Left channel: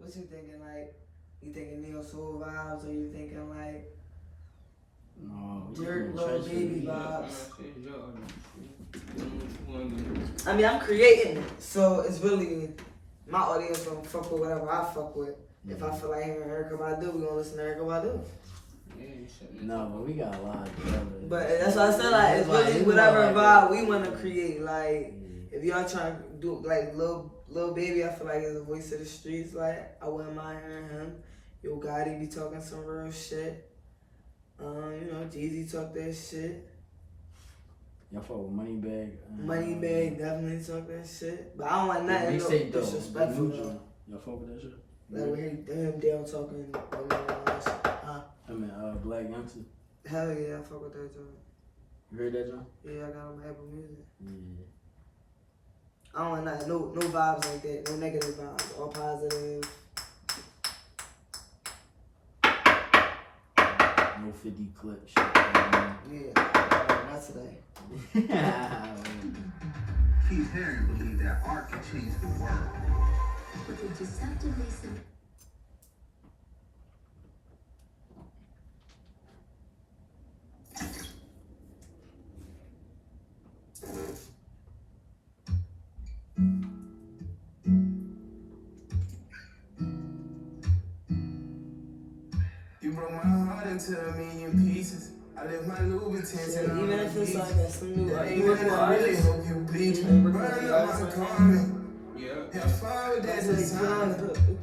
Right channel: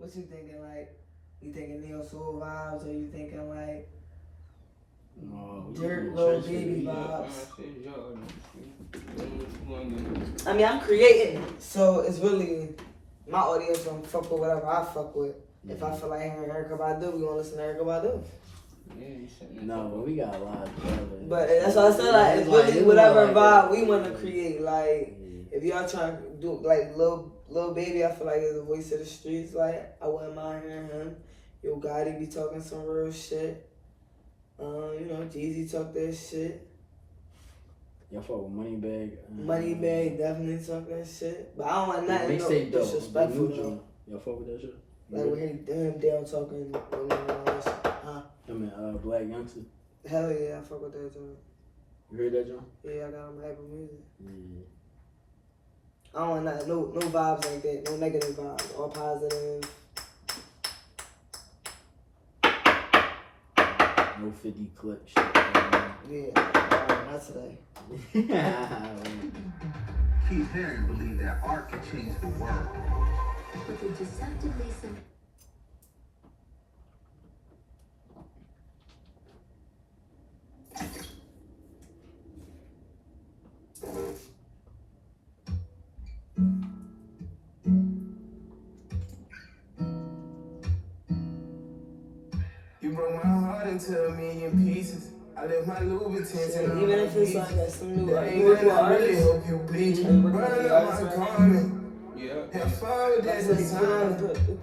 What you thinking? Like, you thinking neo soul vibes, or you thinking like dirt little baby vibes? I mean, I'm creating, so it's really my audience gonna fuck with whatever I fuck with. If I feel like hearing Erykah Badu, we gonna listen to Erykah Badu. No, but we got a lot of brothers. But that's what I said, like, it's really whatever vibe we want to create. Like, if y'all trying to do, like, Lil Baby, I feel like is the voice of the streets. Like, I wouldn't mind hearing him. Yo Gotti be talking some real shit. You know, Jeezy talk that shit. Y'all fuck with Moneybag? Moneybag definitely talk that shit. But I don't want nothing disrespectful though. Y'all fuck with that shit? Like when him Dale talking, you know, all that shit. I mean, Black Youngster. Hell yeah, I fuck with that joint. You heard that joint? Yeah, I got on my Apple Music. Yeah. I don't want nothing, no vibes like that, no negative vibes, all positive. No 50 clip shit. Yeah, not today. Keith Haring believed that art can change the world. But the deceptively simple. You broke my heart into a million pieces. I left my Louboutins and even if it's like some new, like, you work with artists, hope you bleed. Burn up my comment. Have fun with that design.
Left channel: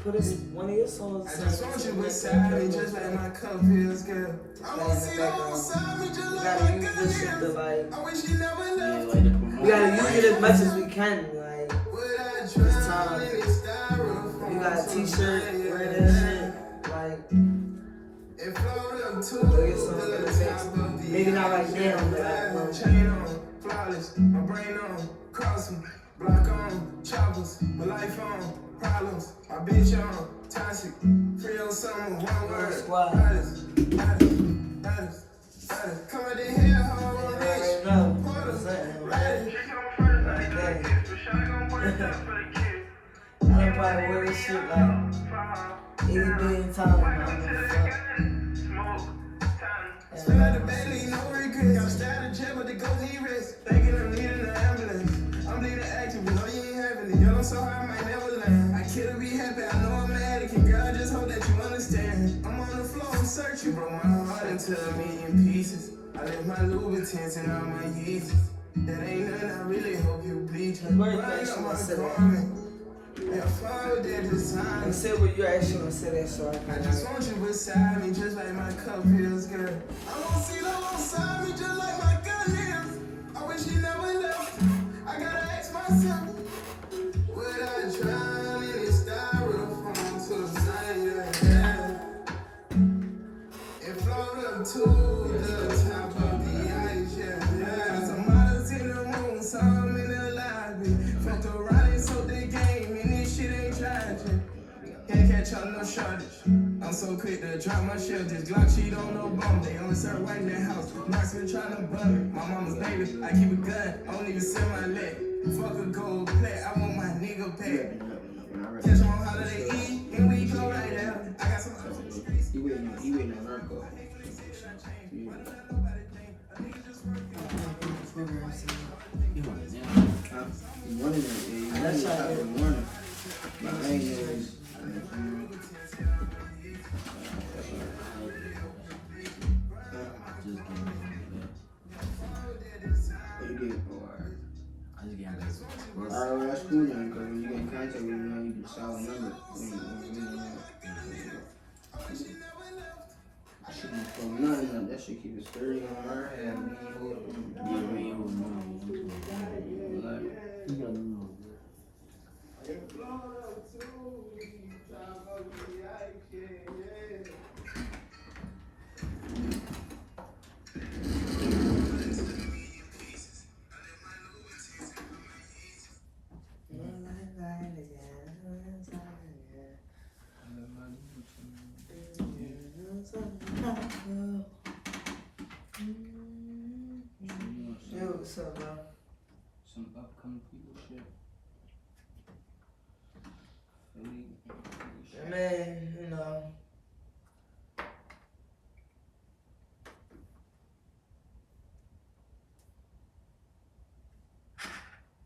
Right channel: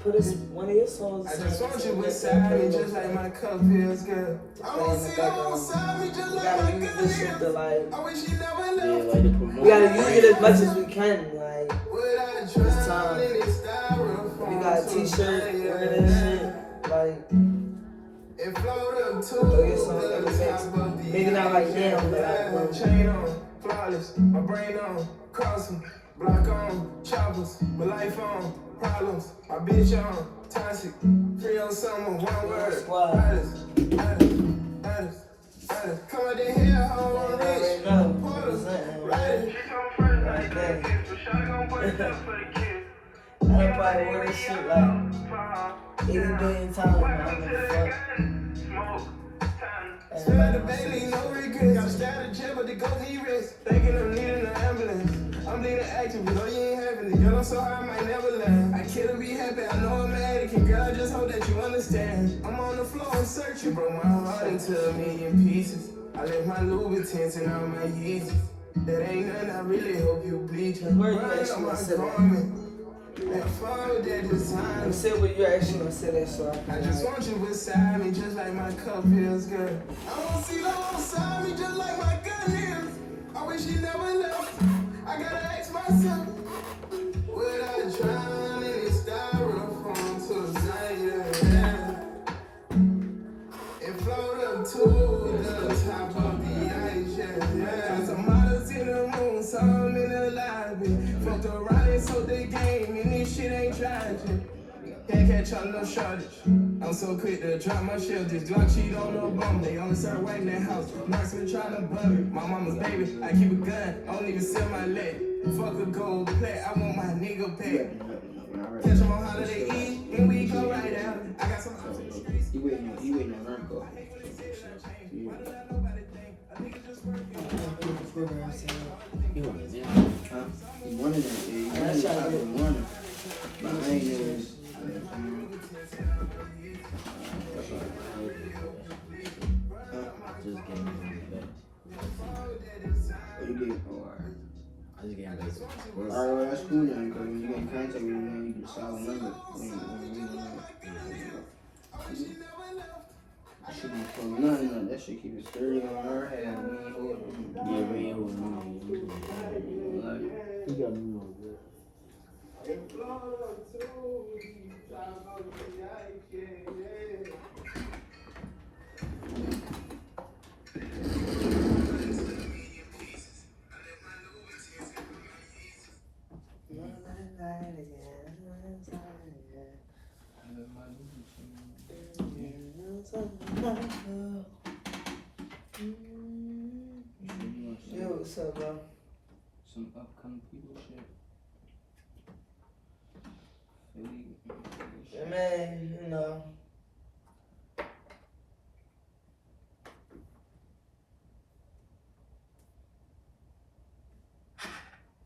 Put us one of your songs. I just want you beside me, just like my cup feels good. I want to see you beside me, just like my cup feels good. I wish you never left. We gotta use it as much as we can, like, it's time. You got a t-shirt, wearing this shit, like, it flowed up to maybe not like now, chain on, flawless, my brain on, crossing, block on, choppers, my life on, problems, my bitch on, toxic, free on summer, one word, baddest. Come out in here, how I'm rich, porters, riding. like that. Everybody wear this shit like 80 billion times. Spend the baby, no regrets. I'm stabbed in jail, but the go need rest. Thinking I'm needing an ambulance. I'm bleeding active, but no, you ain't having it. Girl, I'm so high, I might never land. I kill to be happy, I know I'm mad. Girl, I just hope that you understand. I'm on the floor, I'm searching. Broke my heart into a million pieces. I left my Louboutins and all my Yeezys. That ain't nothing, I really hope you bleed. Where you actually want to sit? Have fun with that design. Sit where you actually want to sit at, so I just want you beside me, just like my cup feels good. I want to see you beside me, just like my gun is. I wish you never left. I gotta ask myself, would I drown in this styrofoam tonight? It float up to the top of the ice, yeah. Some models in the room, some in the lobby. Fucked around and sold the game, and this shit ain't tragic. Can't catch up no shortage. I'm so quick to drop my shit. Just Glock cheat on no bum. They only start waiting in the house. Knocks been trying to bum me. My mama's baby. I keep a gun. I don't even sell my leg. Fuck a gold plate. I want my nigga paid. Catch them on holiday Eve. And we go right out. I got some hoes in the streets. He waiting on Narco. He wanted that. Huh? He wanted that. He wanted that. He wanted. But I ain't even. Alright, that's cool then, because when you get in contact with them, you get a solid number. I shouldn't have nothing on that shit, keep it sturdy on our head. He got me on Yo, what's up, bro? Some upcoming people shit. Man, you know.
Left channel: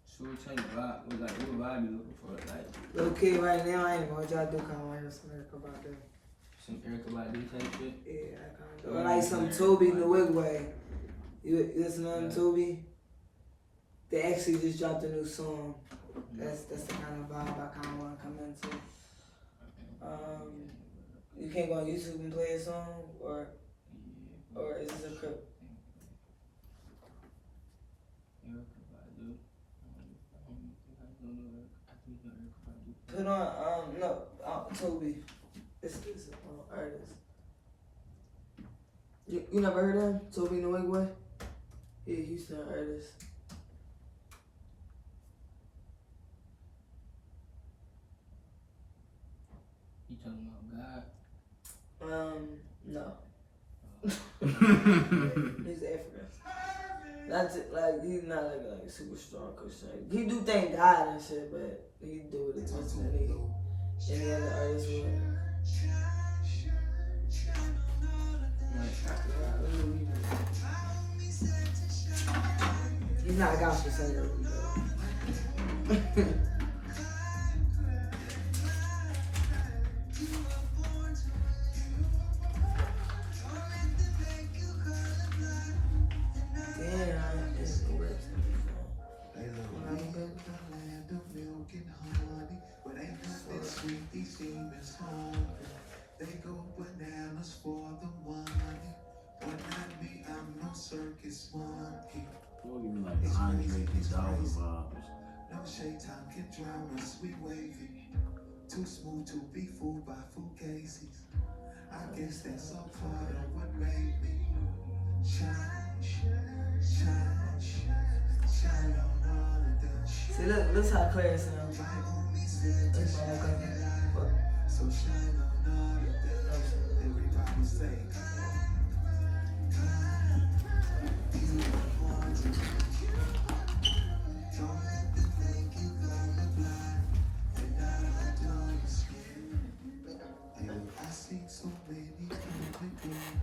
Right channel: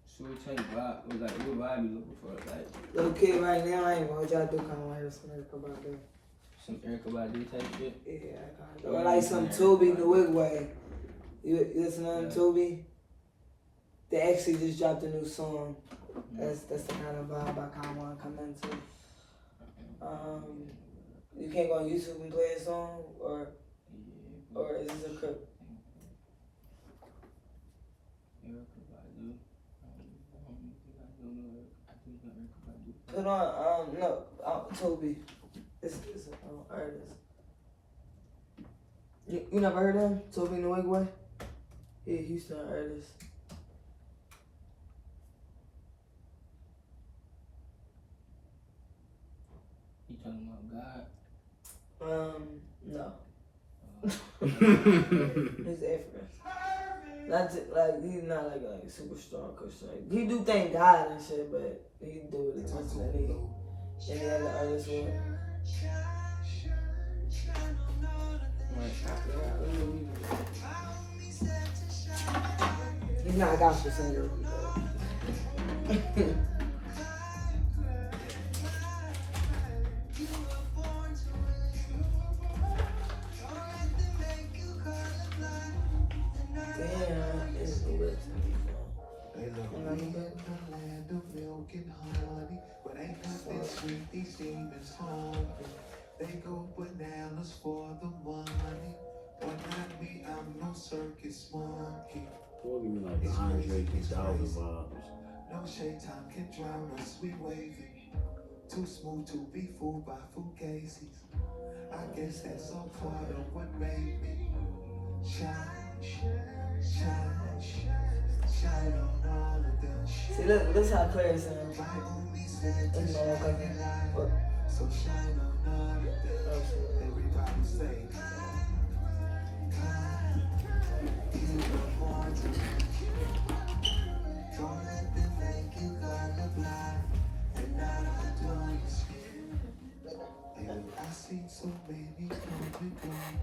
So what type of vibe, what vibe you looking for? Like Little kid right now, I ain't gonna try to do kind of like some Erica Badu. some Erica Badu type shit? Yeah, I kind of. Or like some Toby the Wigway. You listen to Toby? They actually just dropped a new song. That's the kind of vibe I kind of want to come into. You can't go on YouTube and play a song, or is this a crip? Put on Toby. It's an artist. You never heard of him? Toby the Wigway? Yeah, Houston artist. You talking about God? No. He's African. Not like he's not like a super strong Christian. He do thank God and shit, but he do it as much as any other artist would. He's not a gospel singer. They go bananas for the money, but not me, I'm no circus monkey. What do you mean, like Andre 3000 vibes? No shade time can drown us, we waving. Too smooth to be fooled by fugazies. I guess that's a part of what made me shine, shine, shine on all of the shit. See, look how clear it sounds. So shine on all of that. Everybody say, don't let them think you colorblind. And I don't know your skin. And I see so many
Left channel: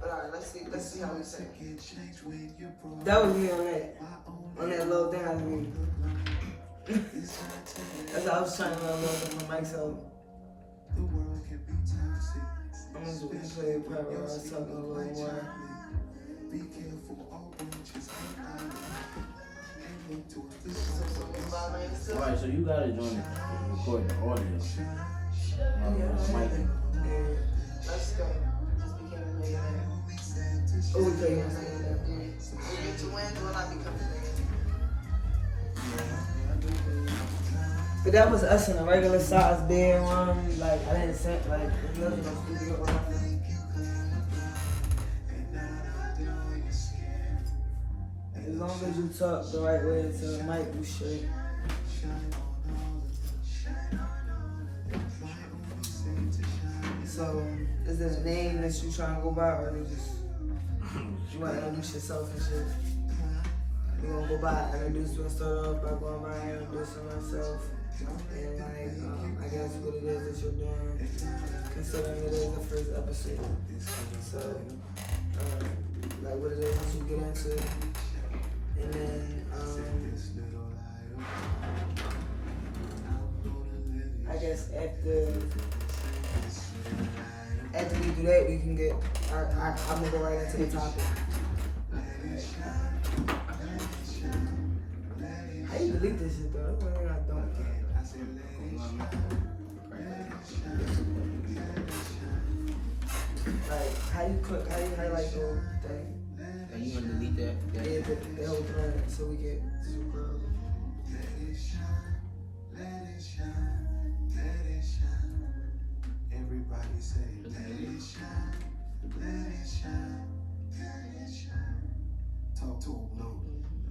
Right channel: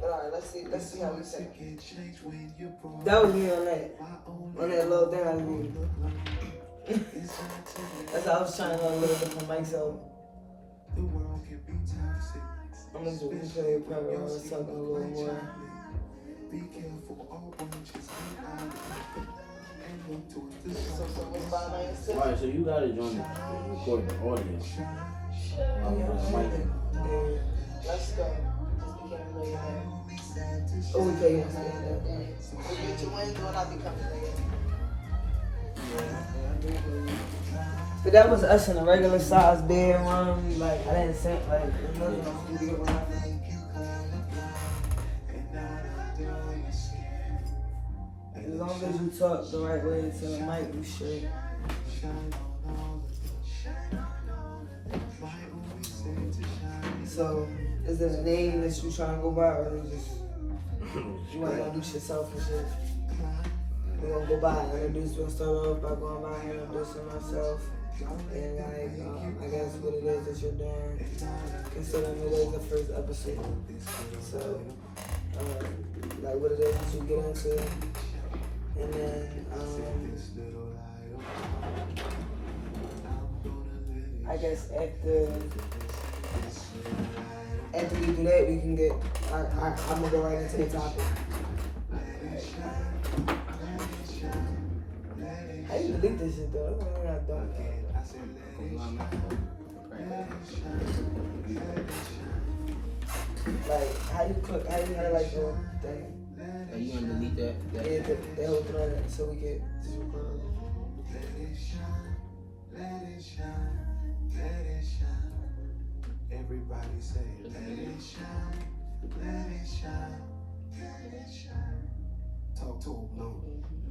Alright, let's see how we say. change when you broke. That was me on that little down view. That's how I was trying to learn a little bit from myself. The world can be toxic. I'm gonna do this play private. Let's talk a little more. Be careful, all branches hang and look towards the sun. Alright, so you got it on record the audio. Yeah, let's go. Just became a millionaire. Oh, we play him. We get to win, will not be coming later. But that was us in a regular size bedroom. Like, I didn't think, like, it wasn't a studio room. As long as you talk the right way into the mic, you should. So, is it a name that you trying to go by, or is it just you want to introduce yourself and shit? We're gonna go by and introduce. We'll start off by going by and introducing myself. And like, I guess what it is that you're doing, considering it is the first episode. So, like what it is that you get into, and then I guess after we do that, we can get. I'm gonna go right into the topic. How you delete this shit though? That's what I got done. Like, how you highlight the thing? Are you gonna delete that? Yeah, the whole thing, so we get. Let it shine, let it shine, let it shine. Everybody say, let it shine, let it shine, let it shine. Talk to him, no.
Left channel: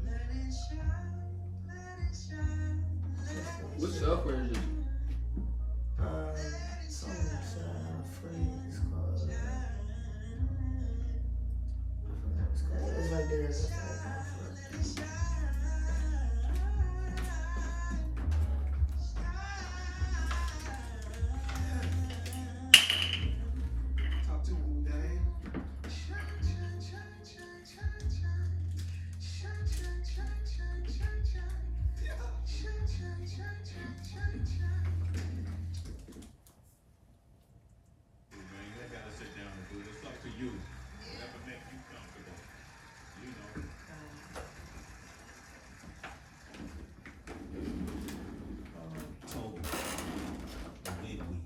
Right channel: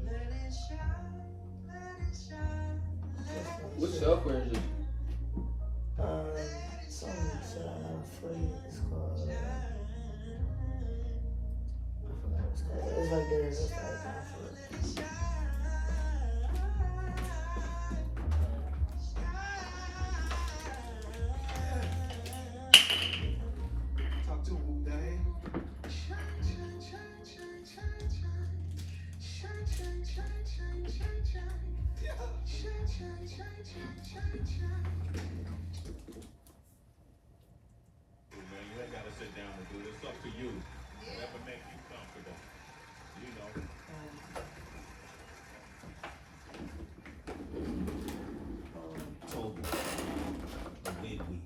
Let it shine, let it shine. What software is it? Something free. It's called. It's like there's like. today. Man, you ain't gotta sit down and do it. It's up to you. Whatever makes you comfortable. You know. Toby. Big week.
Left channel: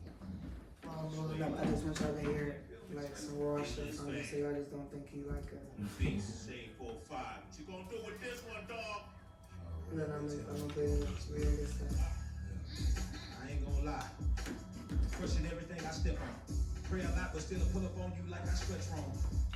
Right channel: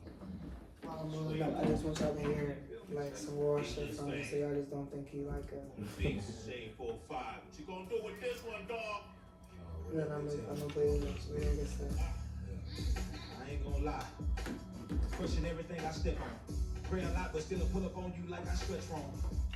I just want y'all to hear like some raw shit from me, so y'all just don't think he like a. Face shade 4-5. What you gonna do with this one, dog? Then I'm gonna play like real good stuff. I ain't gonna lie. Pushing everything I step on. Pray a lot, but still pull up on you like I stretch wrong.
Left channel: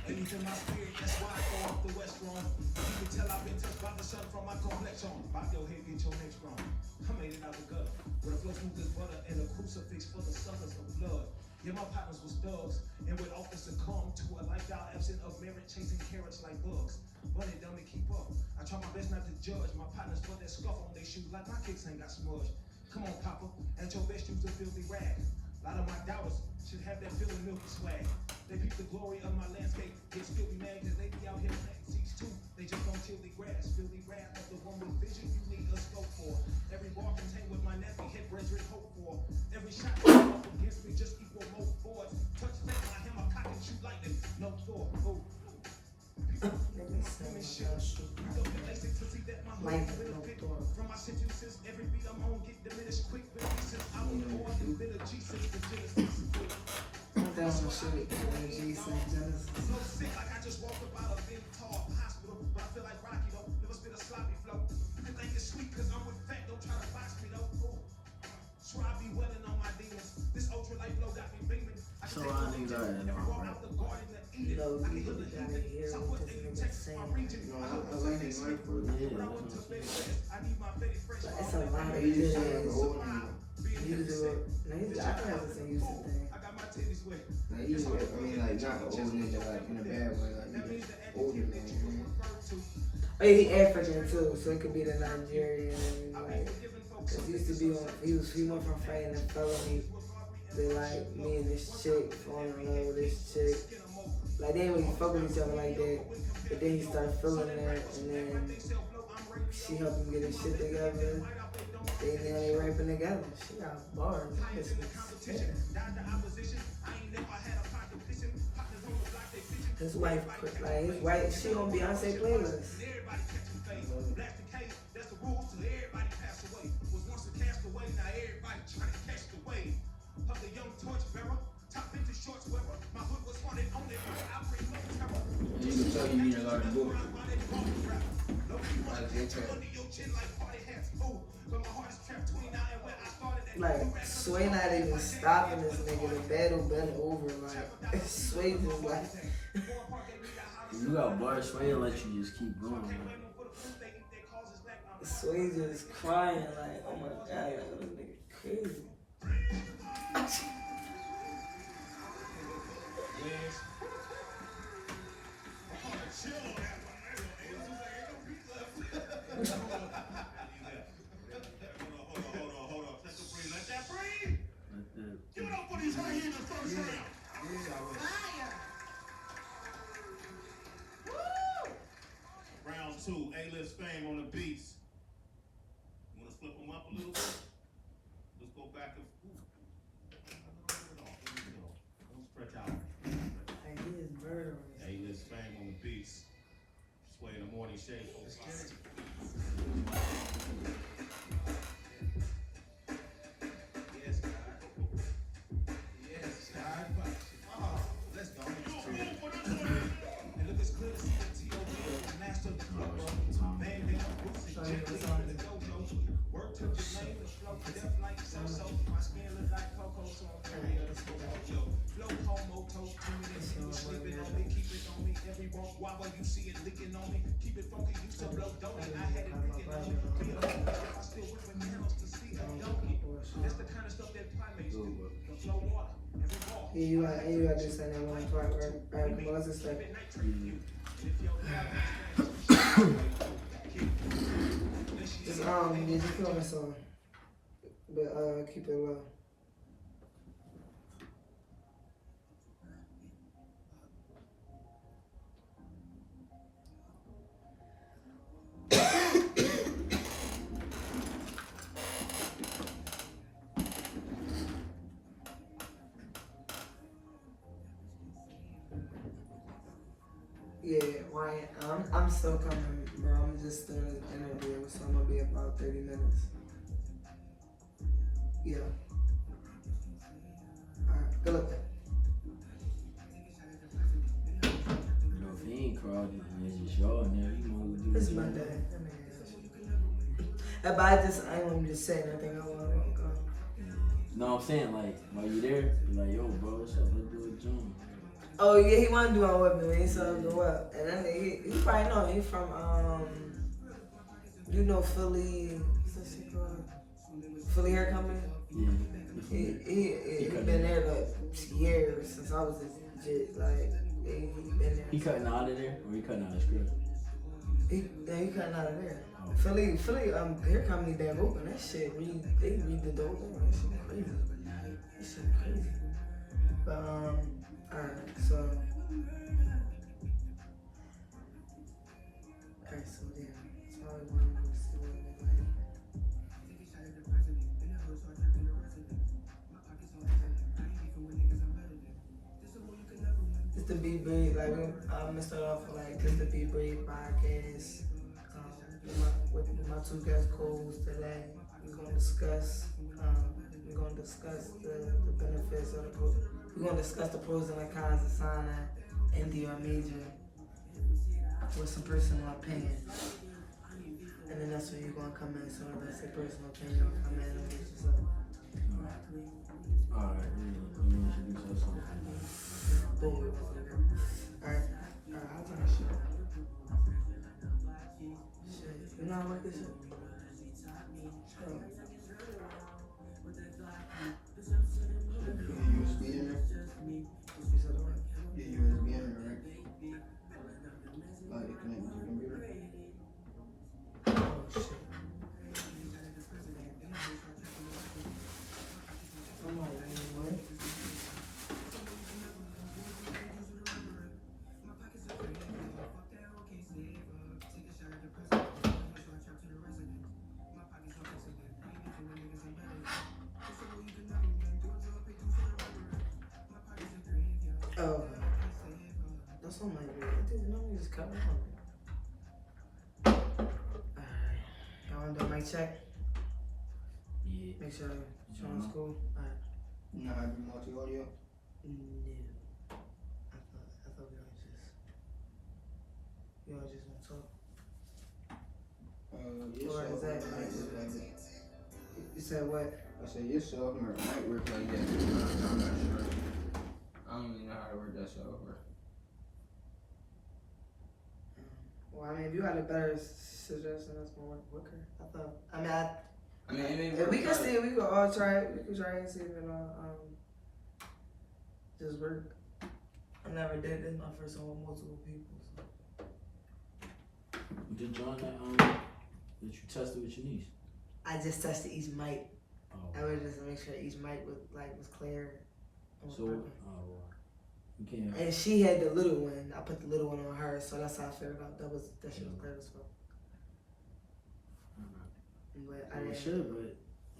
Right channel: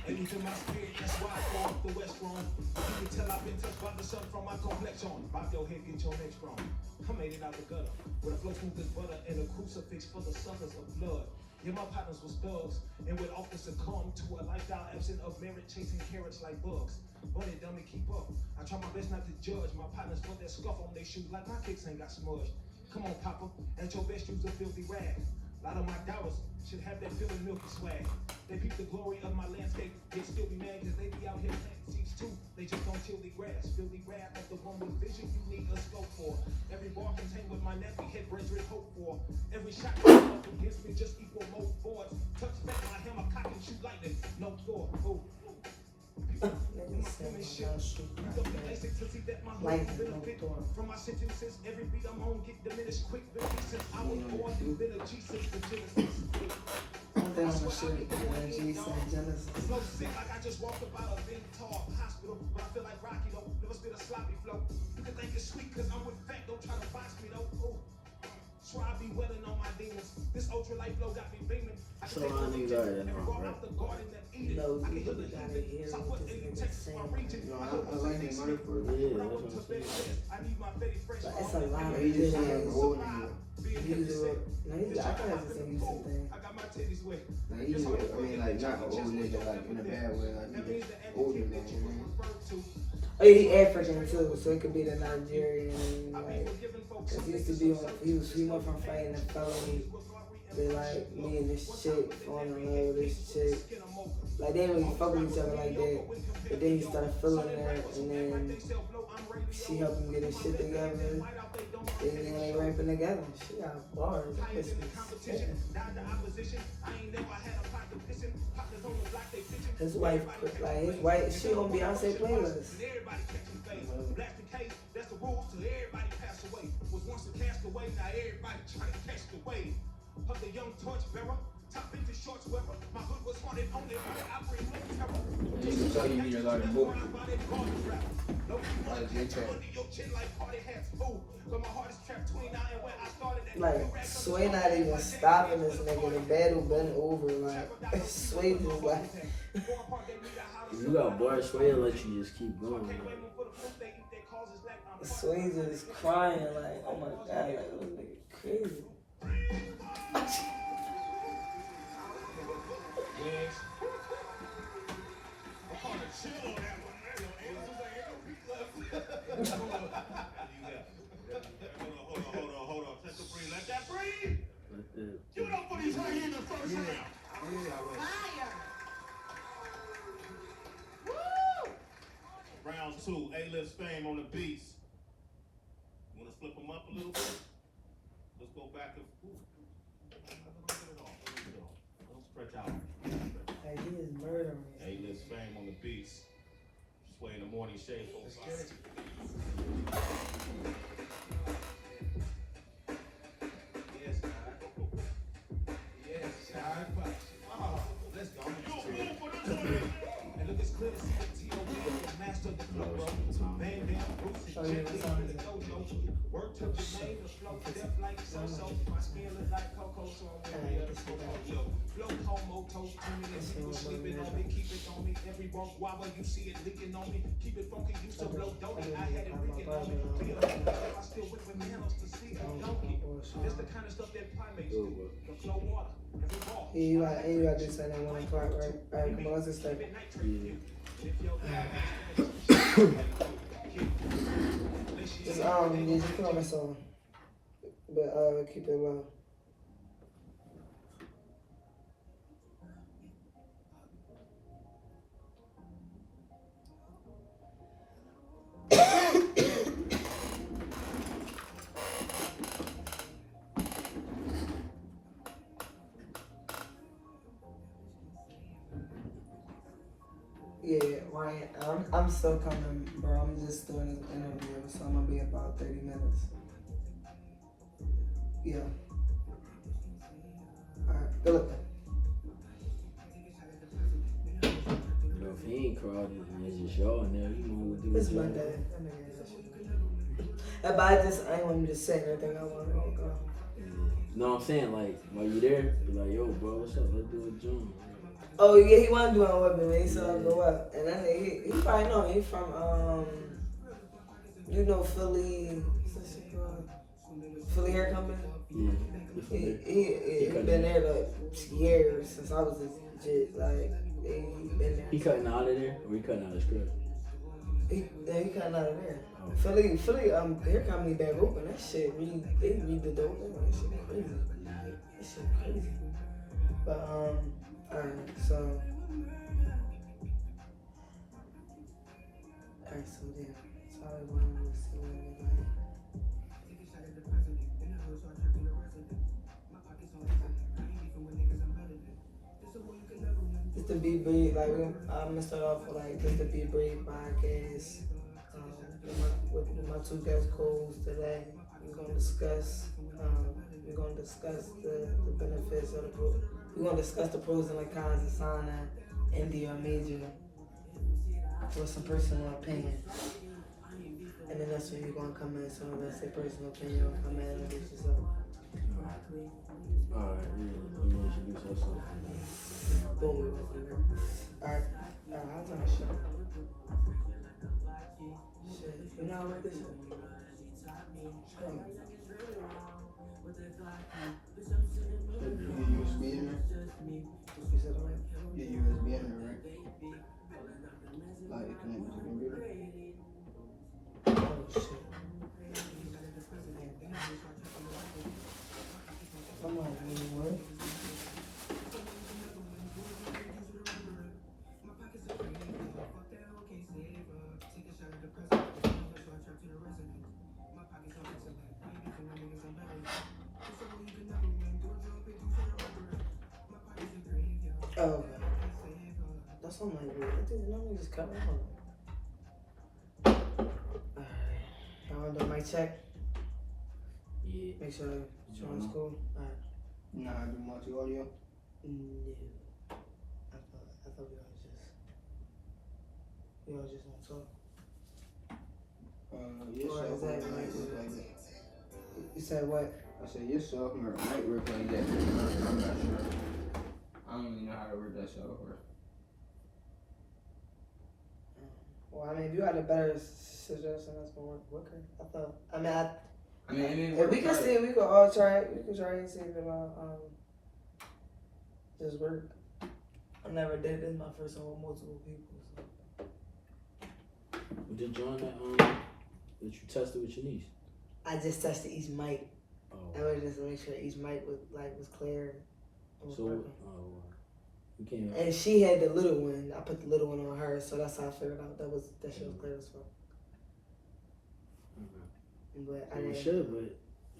Anything my spirit, that's why I fall off the west wrong. You can tell I've been touched by the sun from my complexion. Pop your head, get your neck strong. I made it out the gutter. With a flow smooth as butter and a crucifix for the suckers of blood. Yeah, my partners was thugs, and would often succumb to a lifestyle absent of merit, chasing carrots like bugs. But it done me keep up. I try my best not to judge. My partners put that scuff on their shoes like my kicks ain't got smudged. Come on, Papa, and your best use a filthy rag. A lot of my doubters should have that feeling milky swag. They peep the glory of my landscape, they still be mad cause they be out here planting seeds too. They just don't till the grass, filthy rap like the one with vision you need a scope for. Every bar contained with my nappy head brings with hope for. Every shot up against me just equal more forwards. Touch back my hammer, cock and shoot lightning, no four. Ooh. Like, From my sentences, every beat I'm on get diminished quick. Since I was born, you've been a G6 to Genesis. I'm down for shit. G St. Genesis. Flow sick like I just walked up out of a tall hospital, but I feel like Rocky though. Never spit a sloppy flow. You can think it's sweet cause I'm with fat, don't try to box me though. Ooh. Swear I be willing on my demons. This ultra light flow got me beaming. So a lot of niggas already know, right? No, you gotta hear it because it's insane. No, I like that night for Yeah, that's what I'm saying. But it's a lot of He just things. like older than You do it. No, I think that's the same Houston thing. I got my titties wet. Like, he's, I mean, like, not an old nigga, like, in a bad way, like, he's just older than you, man. Oh yeah, he African too, so it could be the Nigerian, like, cause he used to be, he went from fighting a felony to like me and this chick falling in love with this chick. Like they didn't really fuck with each other like that, but then he started feeling that, and then she helped him get his shit together. Then they rapping together. She got bars. His wife, like his wife, she on Beyonce playlist. That's the rules till everybody pass away. Was once a castaway, now everybody try to catch the wave. Of the young torch bearer, top into shorts wearer. My hood was haunted only by I bring no terror. Just to tell you, you need a lot of book. Like Sway not even stopping this nigga. The battle been over. Like Sway just like. If you got bar Sway, let you just keep going. Man. Sway just crying like, oh my god, like this nigga crazy. Hold on. Take a breathe. Let that breathe. Like that. Give it up for these right here in the first round. Round 2, A-list fame on the beats. You wanna flip them up a little bit? Let's go back and don't stretch out. Like he is murdering. A-list fame on the beats. Sway in the morning shade. Let's go. And look, it's clear to see the T.O.B. master of the flow, bro. Bang, Bruce, Jack, the go-go. Work to the name, the flow, death like so-so. My skin look like Coco, so I'm ready to yo. Flow, homo, toast, people slipping on me, keep it on me. Every walk, why when you see it leaking on me? Keep it funky, used to blow doughy. I had it leaking on me. I still whipping nails to see it donkey. That's the kind of stuff that primates do. The flow water. Yeah, you gotta do something in one part, right? Alright, come on, let's just start. Just put on my song. But keep it low. Yeah, Ryan. I'm still coming, bro. I'm just doing this interview, so I'm gonna be about 30 minutes. Yeah. Alright, good luck. You know, if he ain't crowded and it's just y'all in there, you might do It's the job. Monday. But I ain't want to just say anything. I want to go. You know what I'm saying? Like, while you there, be like, yo, bro, what's up? Let's do a joint. Oh yeah, he wanted to do it with me, man. He said I'll go up, and then he probably know he from you know Philly, what's that shit called? Philly Hair Company. Yeah. He been there like years since I was a kid. Like he been there. He cutting out of there, or he cutting out of the script? He cutting out of there. Oh. Philly Hair Company back open. That shit they redid the whole thing. That shit crazy. That shit crazy. But alright, so yeah. That's all I wanted to see. Just to be brief, like I'm gonna start off with like just to be brief podcast. With my two guest co-hosts today, we're gonna discuss the benefits of the pros. We're gonna discuss the pros and the cons of signing India major with some personal opinion. And then that's when you're gonna come in, some of us say personal opinion will come in and introduce yourself. Alright, let me introduce yourself. Boom. Alright, how about that shit? Shit, you know how to work this shit? USB in there? You said what? Your USB in there, right? Like it connected to the computer? Oh shit. Come on, man. Oh, that's on my way. Let me just cut my phone. Alright. Y'all want to do my check? Yeah. Make sure you're on school. Alright. Nah, I do multi-audio. No. I thought we all just want to talk. Your Or is software that might like, work like that. you said what? I said your software might work like that. I'm not sure. I don't really know how to work that software. Well, I mean, if you had a better suggestion, that's gonna work quicker. If we can see, we can all try it. We can try and see if it all just work. I never did this. My first one with multiple people. So. With the joint that you tested with your niece? I just tested each mic. Oh. I was just to make sure each mic was clear. So, you can't. And she had the little one. I put the little one on her, so that's how I figured out that she was clear as well. But I It should, but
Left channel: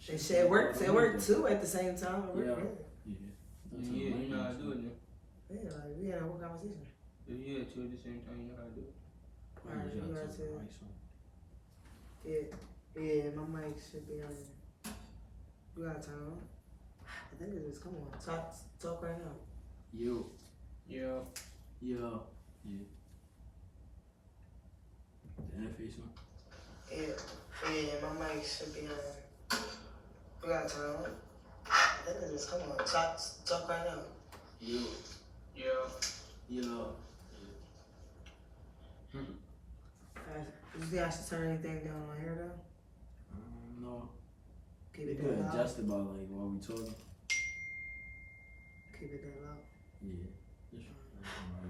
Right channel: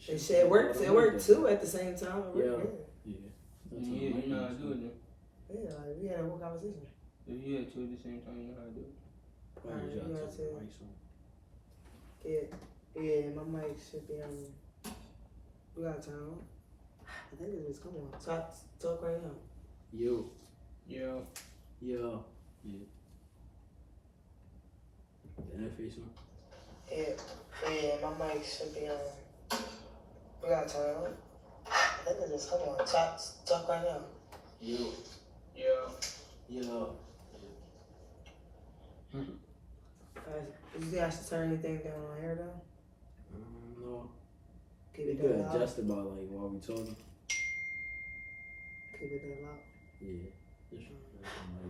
it worked. It worked too at the same time. It Yeah. worked, Yeah, you know how to do it then. yeah. Like, we had a whole conversation. If you had two at the same time, you know how to do it. Probably just Alright, have to you write something. Yeah, my mic should be on. We got time. I think it is. Come on, talk right now. Yo. Yeah. Yeah. The interface on? Yeah, my mic should be on. We got time. I think it is. Come on, talk right now. Yo. You think I should turn anything down on here though? No. Keep You it could that loud. adjust about like while we talking. Keep it that loud. Yeah. Just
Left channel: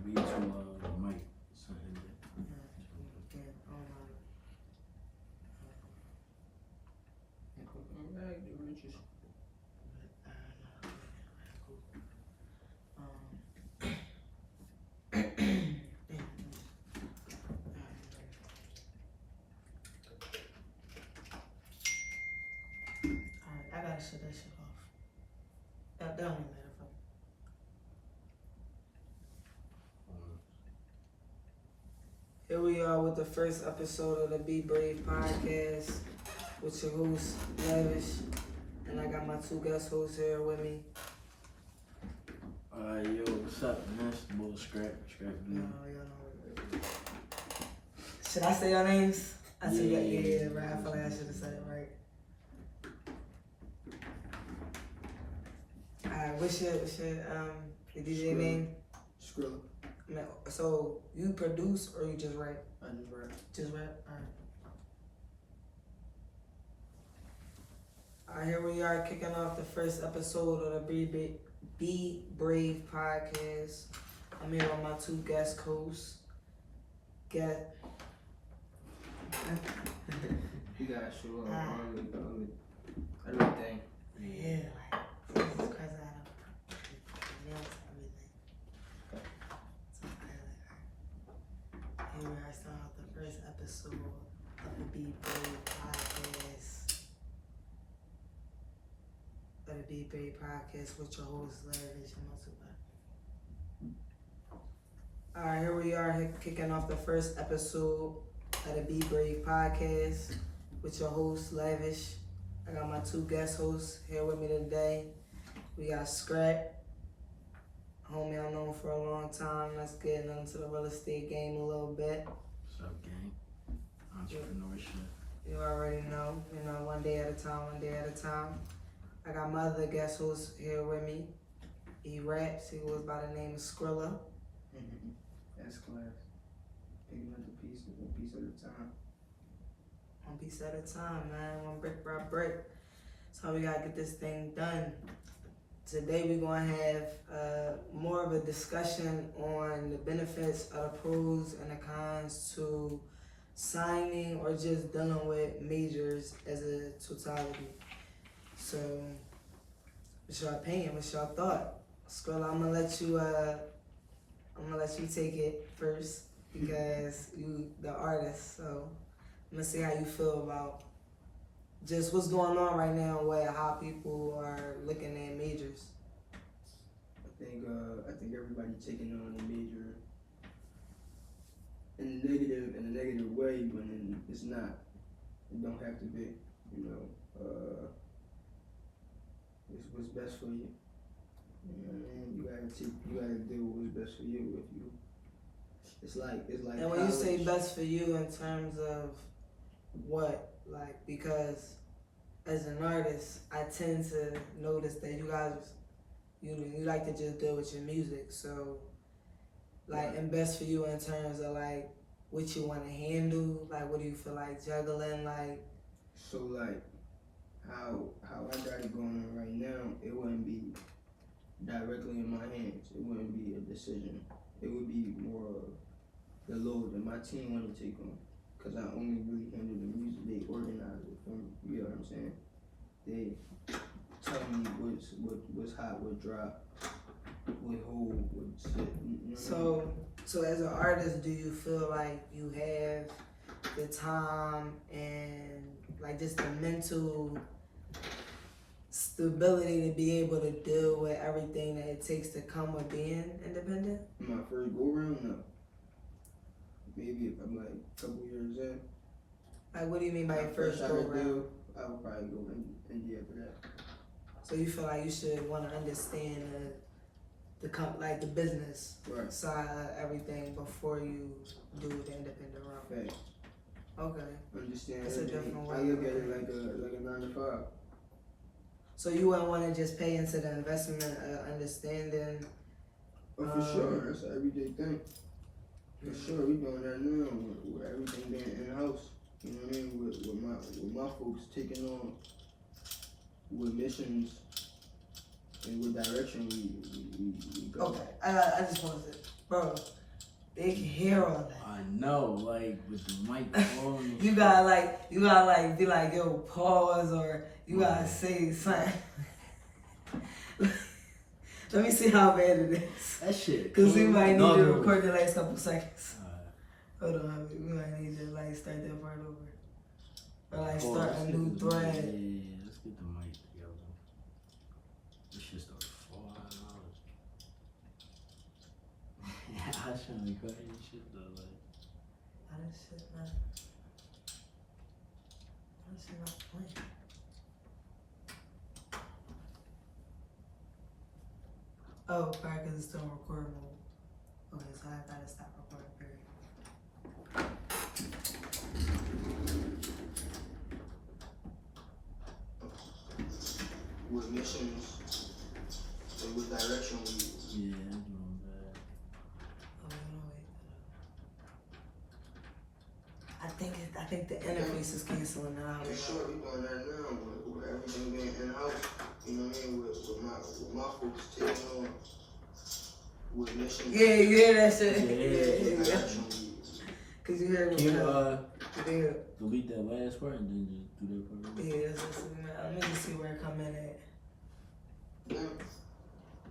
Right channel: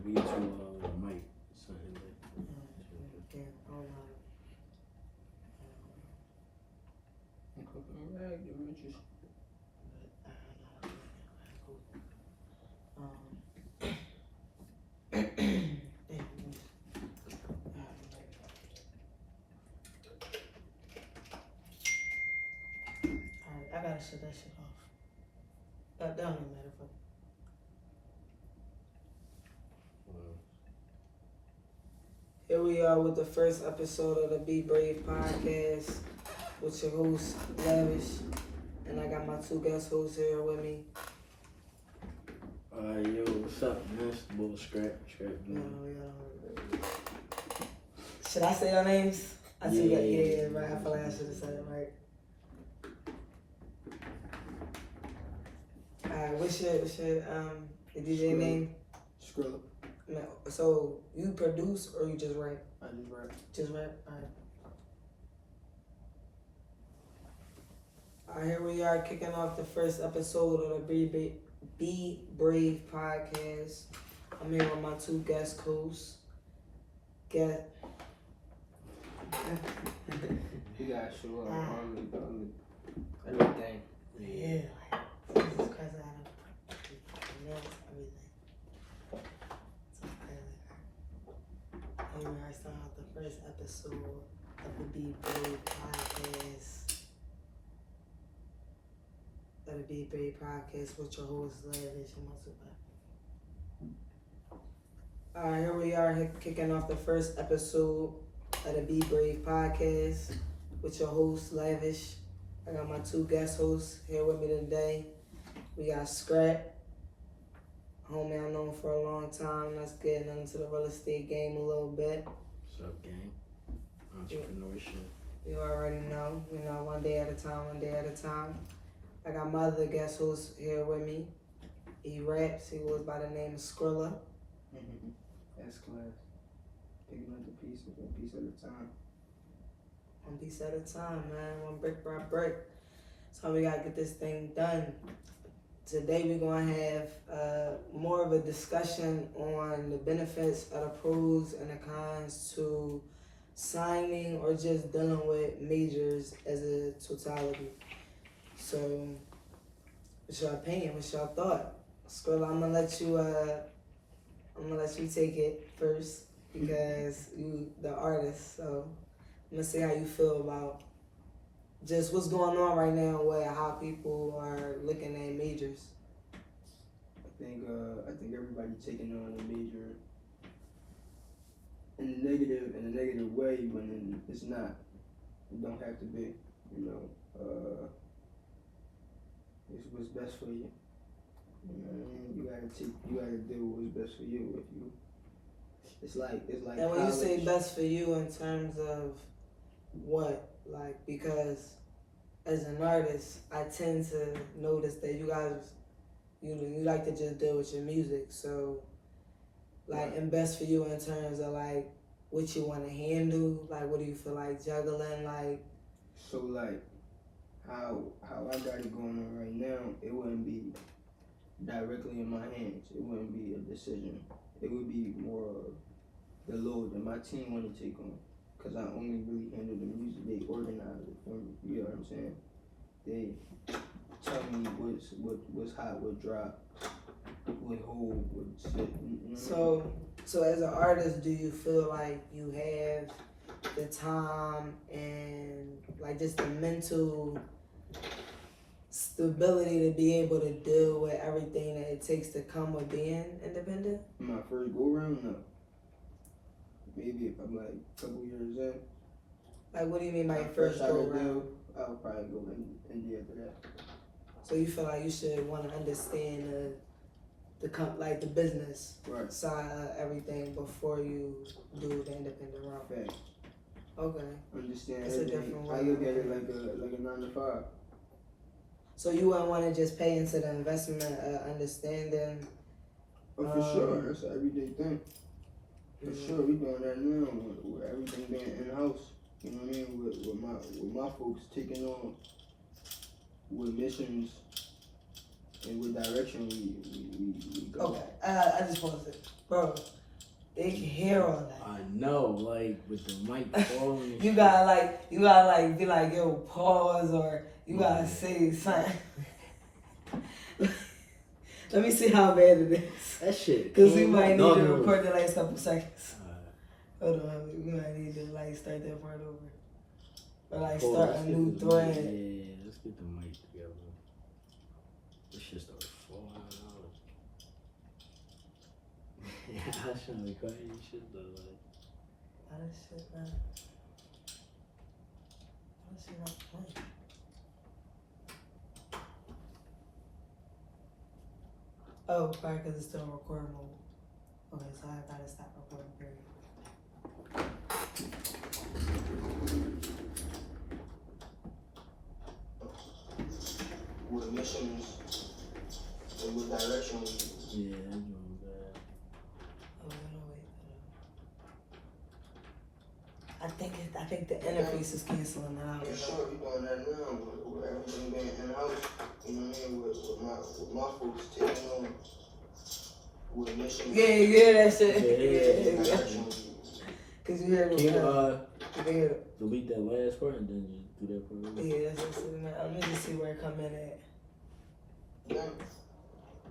read to the mic. Something like Yeah, I don't know. Alright, I gotta shut that shit off. That don't even matter for Here we are with the first episode of the Be Brave podcast with your host, Lavish. And I got my two guest hosts here with me. Yo, what's up, man? It's the little scrap, man. Should I say your names? I see Yeah, that. yeah, Yeah, yeah. right. I feel like I should have said it right. What's your the DJ name? Skrilla. So you produce or you just rap? I just rap. Just rap. Alright, here we are kicking off the first episode of the Be Brave podcast. I'm here with my two guest hosts. You gotta show up on everything. Yeah, like Jesus Christ, I had a everything. And we're starting off the first episode of the Be Brave podcast. Of the Be Brave podcast with your host, Lavish and Multiply. Alright, here we are kicking off the first episode of the Be Brave podcast with your host, Lavish. I got my two guest hosts here with me today. We got Scrap, homie I've known for a long time. Let's get into the real estate game a little bit. What's up, gang? Entrepreneurship. You already know, one day at a time. I got my other guest host here with me. He raps, he goes by the name of Skrilla. That's class. Picking up the piece, one piece at a time. One piece at a time, man. One brick by brick. So we gotta get this thing done. Today we're gonna have more of a discussion on the benefits of the pros and the cons to signing or just dealing with majors as a totality. So, what's your opinion? What's your thought? Skrilla, I'm gonna let you take it first because you the artist. So I'm gonna see how you feel about just what's going on right now with how people are looking at majors. I think everybody taking on a major in a negative way when it's not. It don't have to be. It's what's best for you. You gotta do what's best for you. It's like. And when you say best for you in terms of what, like, because as an artist, I tend to notice that you guys, you like to just deal with your music. So, like, and best for you in terms of like what you want to handle, like what do you feel like juggling, like. So like how I got it going on right now, it wouldn't be directly in my hands. It wouldn't be a decision. It would be more of the load that my team want to take on. Cause I only really handle the music. They organize it for me. You know what I'm saying? They tell me what's hot, what drop, what hold, what sit. So as an artist, do you feel like you have the time and like just the mental stability to be able to deal with everything that it takes to come with being independent? My first go around, no. Maybe if I'm like a couple years in. Like, what do you mean by your first go around? I'll probably go in India for that. So you feel like you should want to understand the business Right. side of everything before you do the independent route. Hey, Okay. understand That's a everything. different way I of look at it looking like a 9 to 5. So you wouldn't want to just pay into the investment understanding. For sure, that's an everyday thing. For Yeah. sure, we doing that now with everything being in house. You know what I mean? With my folks taking on with missions and with direction we go. Okay. I just want to, bro. They can hear all that. I know, like with the mic falling. You gotta be like, yo, pause, or you gotta say something. Let me see how bad it is. That shit. Cause we might need to No. record the last couple seconds. Hold on, we might need to like start that part over. Or like start a new thread. Yeah, let's get the mic together. This shit started falling out. I shouldn't record this shit though. Like, Why this shit not? Why this shit not playing? Oh, probably because it's still in record mode. Okay, so I gotta stop recording, period. What missions and what direction we use. Yeah, I'm doing bad. Oh, no, wait. I think the interface is canceling out. For sure, we doing that now with everything being in-house. You know what I mean? With my folks taking on what missions. Yeah, you hear that shit? Yeah. What direction we use. Cause you hear Can you you hear it. delete that last part and then just do that part? Yeah, that's what I'm saying. Let me just see where it come in at. Yeah.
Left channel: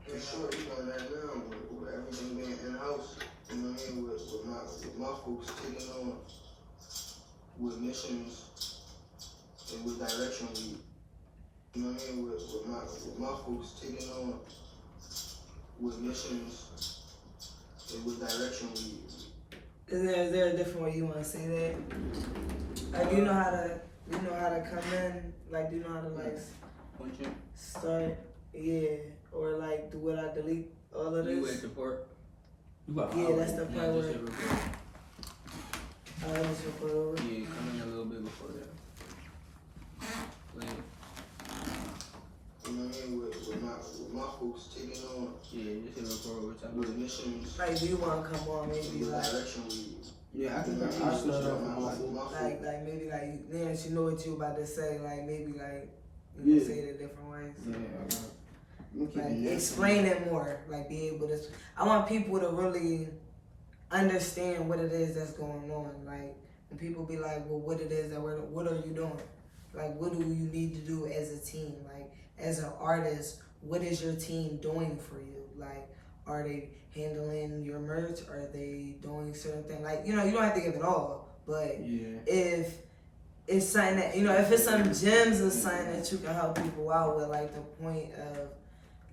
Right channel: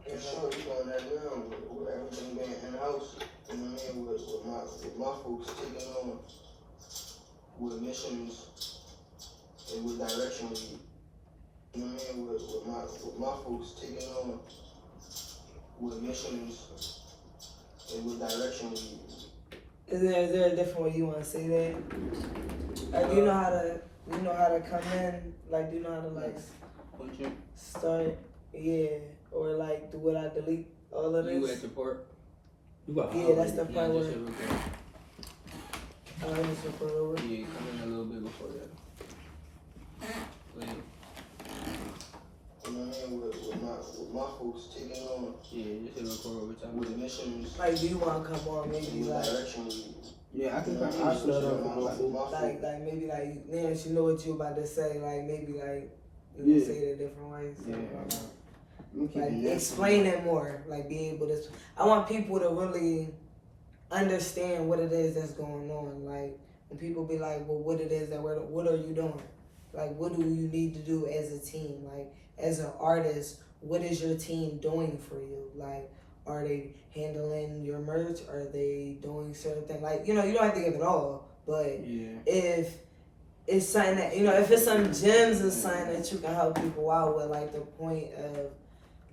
For sure, we doing that now with everything being in-house. You know what I mean? With my folks taking on what missions and what direction we use. You know what I mean? With my folks taking on what missions and what direction we use. Is there a different way you want to say that? Like, do you know how to come in? Like, do you know how to like start? Yeah, or like, do what I delete all of You this? at the part? Yeah, that's the part where I want to put over. Yeah, come in a little bit before that. Like, you know what I mean? With my folks taking on. Yeah, just hit record over time. With missions. Like, do you want to come on maybe What like? direction we use. Yeah, I You can know, I start off with my like maybe like then you know what you about to say. Like maybe like you know, say it a different way. So, like explain it more. Like be able to. I want people to really understand what it is that's going on. Like when people be like, well, what it is that what are you doing? Like what do you need to do as a team? Like as an artist, what is your team doing for you? Like are they handling your merch? Are they doing certain things? Like, you know, you don't have to give it all, but if it's something that, you know, if it's some gems and something that you can help people out with, like the point of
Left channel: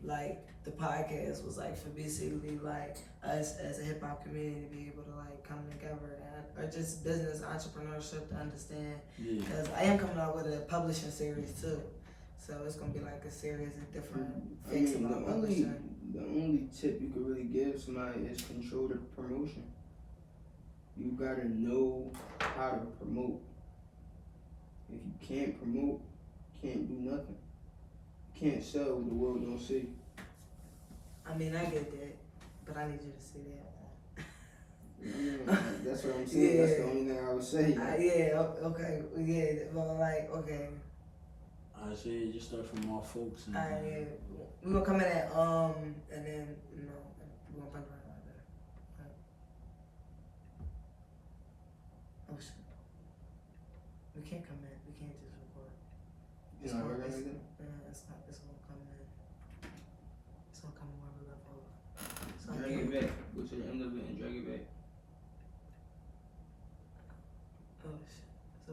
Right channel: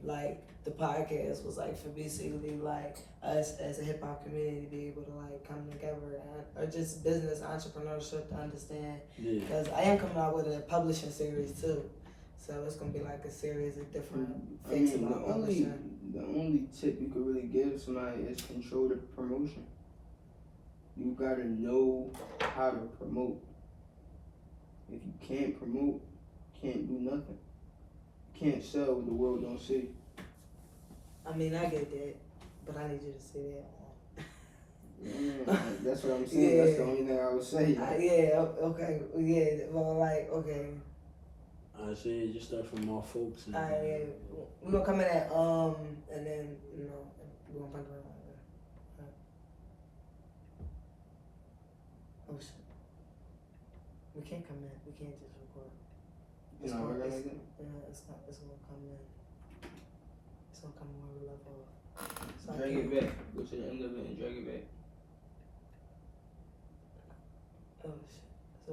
like the podcast was like for basically like us as a hip hop community to be able to like come together and, or just business entrepreneurship to understand. Because I am coming out with a publishing series too. So it's gonna be like a series of different things about publishing. The only tip you could really give somebody is control the promotion. You gotta know how to promote. If you can't promote, you can't do nothing. You can't sell what the world don't see. I mean, I get that, but I need you to say that. That's what I'm saying. Yeah. That's the only thing I would say. Yeah, okay, yeah, well, like, okay. I say just start from our folks. And, yeah. We're gonna come in at, and then, you know, we're gonna pipe around like that. Right. Oh, shit. We can't come in, we can't just record. It's not working like that? It's gonna come in. It's gonna come in where we left off. So Drag it back. Go to the end of it and drag it back. Oh, shit. So,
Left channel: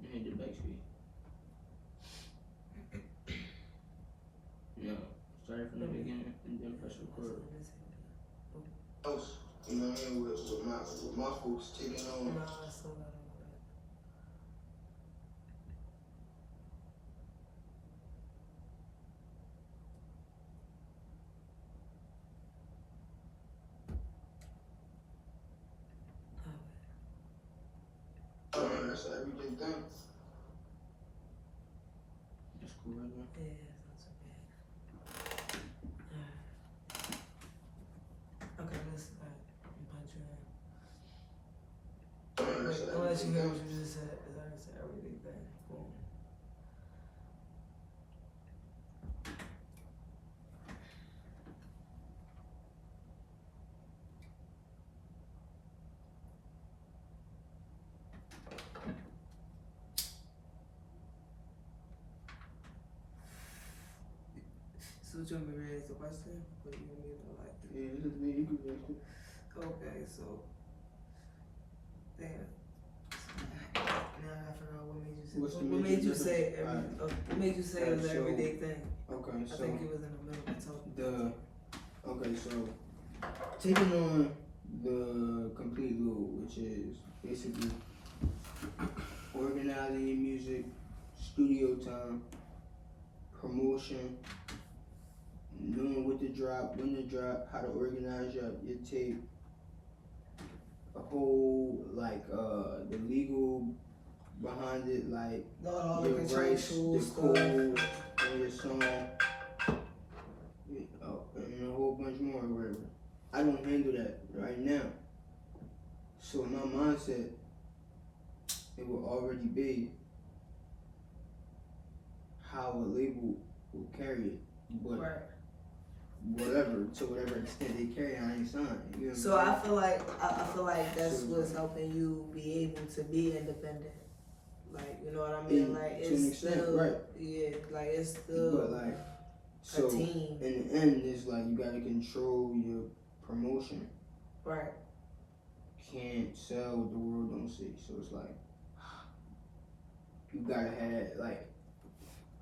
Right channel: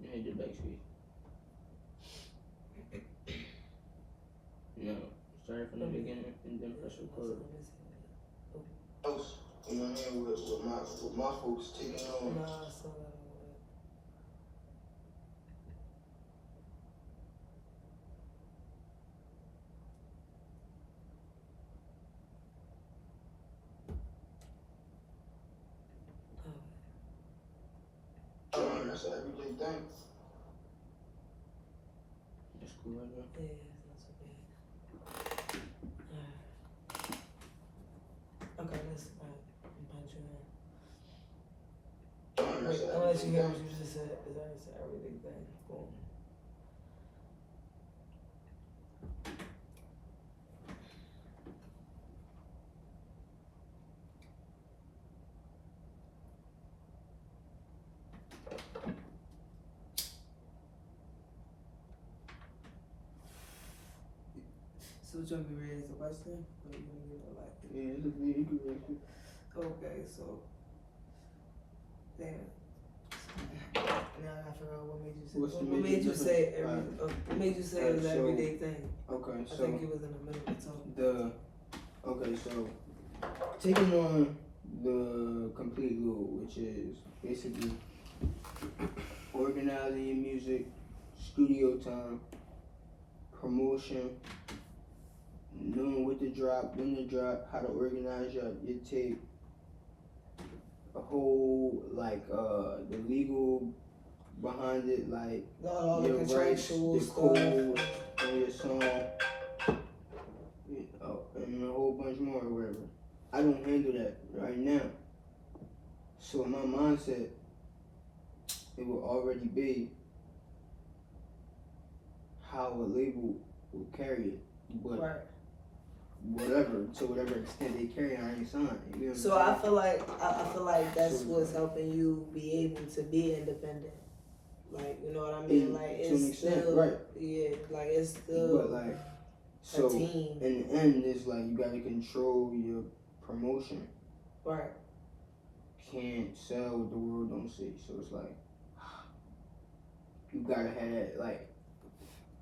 You need the back screen. No. Start from the beginning and then press record. Else, you know what I mean? With my folks taking on. no, I still got it. That's everything done. That's cool, right? Yeah, it's not so bad. Okay, let's punch you in. Wait, unless you hear what you just said, because I said everything thing. Boom. So what you want me to raise the question? Or you gonna get like Yeah, you can raise it. okay, so damn. Now I gotta figure out what made you say. What's the What major made you difference? say every? What made you say it was an So- everyday thing? Okay, I so think he was in the middle of talking. so taking on the complete load, which is basically organizing your music, studio time, promotion, knowing what to drop, when to drop, how to organize your tape, a whole the legal behind it, like All the your rights, contractual the stuff. code on your song, and a whole bunch more or whatever. I don't handle that right now. So in my mindset, it will already be how a label will carry it. But Right. whatever, to whatever extent they carry it, I ain't signed. You know what So I'm I saying? feel like that's So- what's helping you be able to be independent. Like, you know what I mean? And Like to an it's extent, still right. yeah, like it's still But like, a so team. in the end, it's like you gotta control your promotion. Right. Can't sell what the world don't see. So it's like you gotta have that like.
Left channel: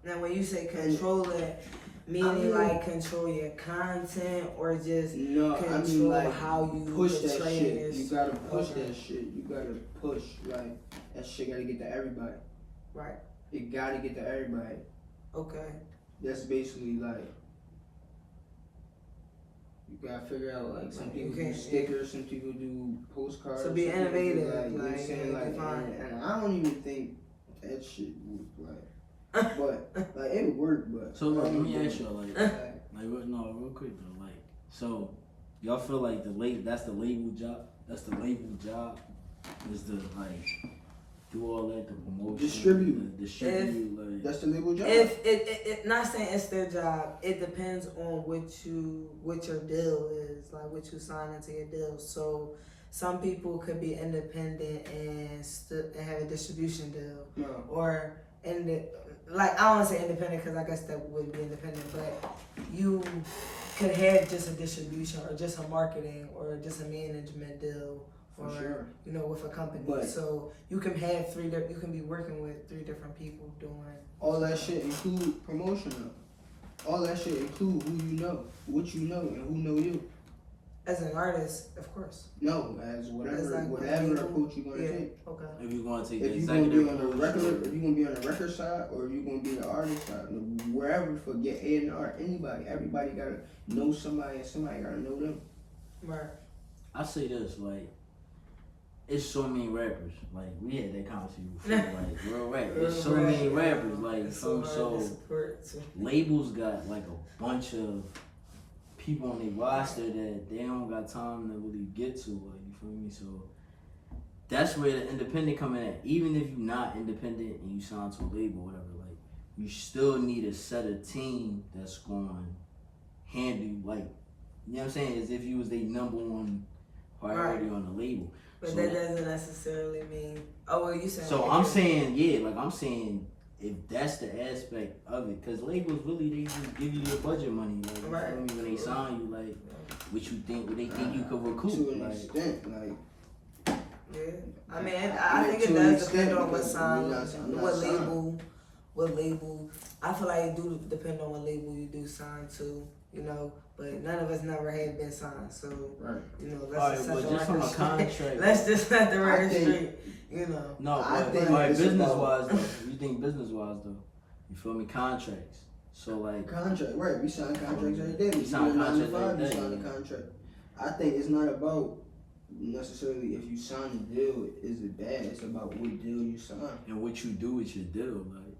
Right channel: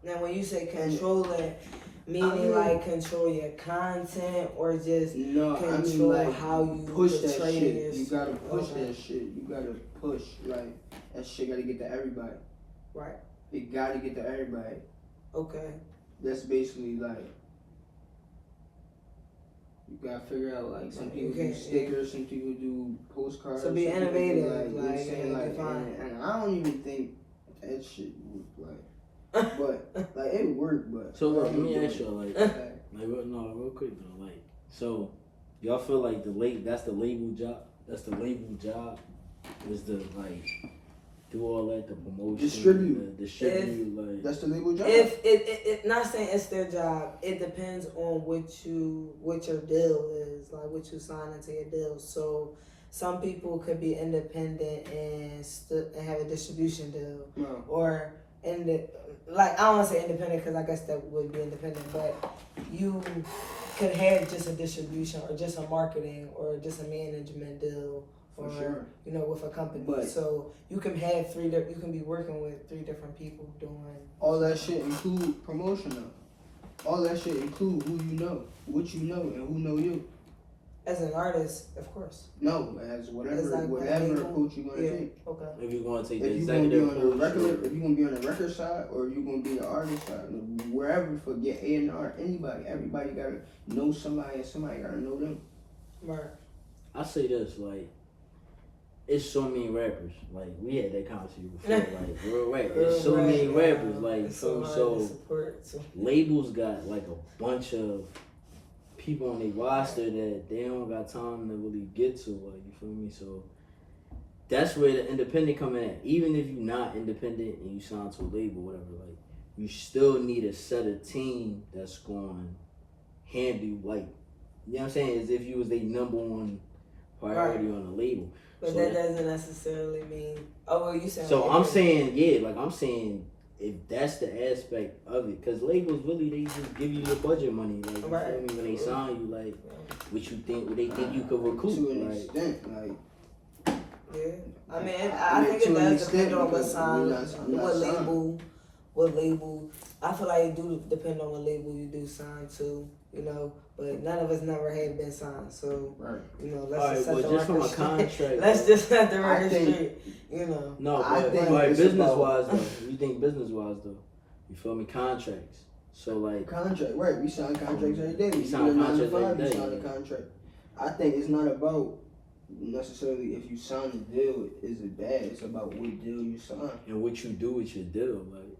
Now when you say control it, I meaning mean, like control your content or just No, I mean control like how you push that portray shit. this. You gotta push Okay. that shit. You gotta push like that shit. Gotta get to everybody. Right. It gotta get to everybody. Okay. That's basically like you gotta figure out like some people do stickers, some people do postcards. So be some people do, innovative, you know what I'm like, saying? and Like, define. and I don't even think that shit would like, but like it would work. But So look, let me ask y'all like, real quick though, like, so y'all feel like that's the label job? That's the label job? Is the like do all that, the promotion, distribute, like that's the legal job. If it not saying it's their job, it depends on what your deal is, like what you sign into your deal. So some people could be independent and have a distribution deal, No. or like I don't want to say independent because I guess that would be independent, but you can have just a distribution or just a marketing or just a management deal. For Or, sure. you know, with a company. But- so you can have you can be working with 3 different people doing. All that shit include promotion though. All that shit include who you know, what you know, and who know you. As an artist, of course. No, as whatever It's like whatever the approach you're gonna Yeah. take. Okay. if you're gonna take the If you're gonna be executive on a approach, record, if you're gonna be on the record side, or you're gonna be the artist side, wherever for get A&R, everybody gotta know somebody, and somebody gotta know them. Right. I say this, like, it's so many rappers. Like, we had that conversation before, like, real rap. It's so many rappers, like, It's so hard to so support. So. labels got like a bunch of people on their roster that they don't got time to really get to, like, you feel me? So that's where the independent come in at. Even if you're not independent and you sign to a label, whatever, like, you still need a set of team that's going to handle you, like, you know what I'm saying? As if you was the number one priority on the label. But So- that doesn't necessarily mean. Oh well, you said. So I'm saying, I'm saying if that's the aspect of it, because labels really, they just give you your budget money, like, you feel me, when they sign you, like, what they think you could recoup, To an like. extent, like. Yeah. I mean, I I mean, think to it an does extent, depend on what because sign, I'm not what signed. label, what label. I feel like it do depend on what label you do sign to, you know. But none of us never have been signed, so Right. you know. Alright, well, just from a contract. Let's just set the I record think- straight, you know. No, I but think right, it's business about- wise though, you think business wise though, you feel me? Contracts. So like, Contract, right? We sign contracts every day. We We sign sign 9 to contracts 5. every We day, sign a yeah. contract. I think it's not about necessarily if you sign a deal, is it bad? It's about what deal you sign. and what you do with your deal, like.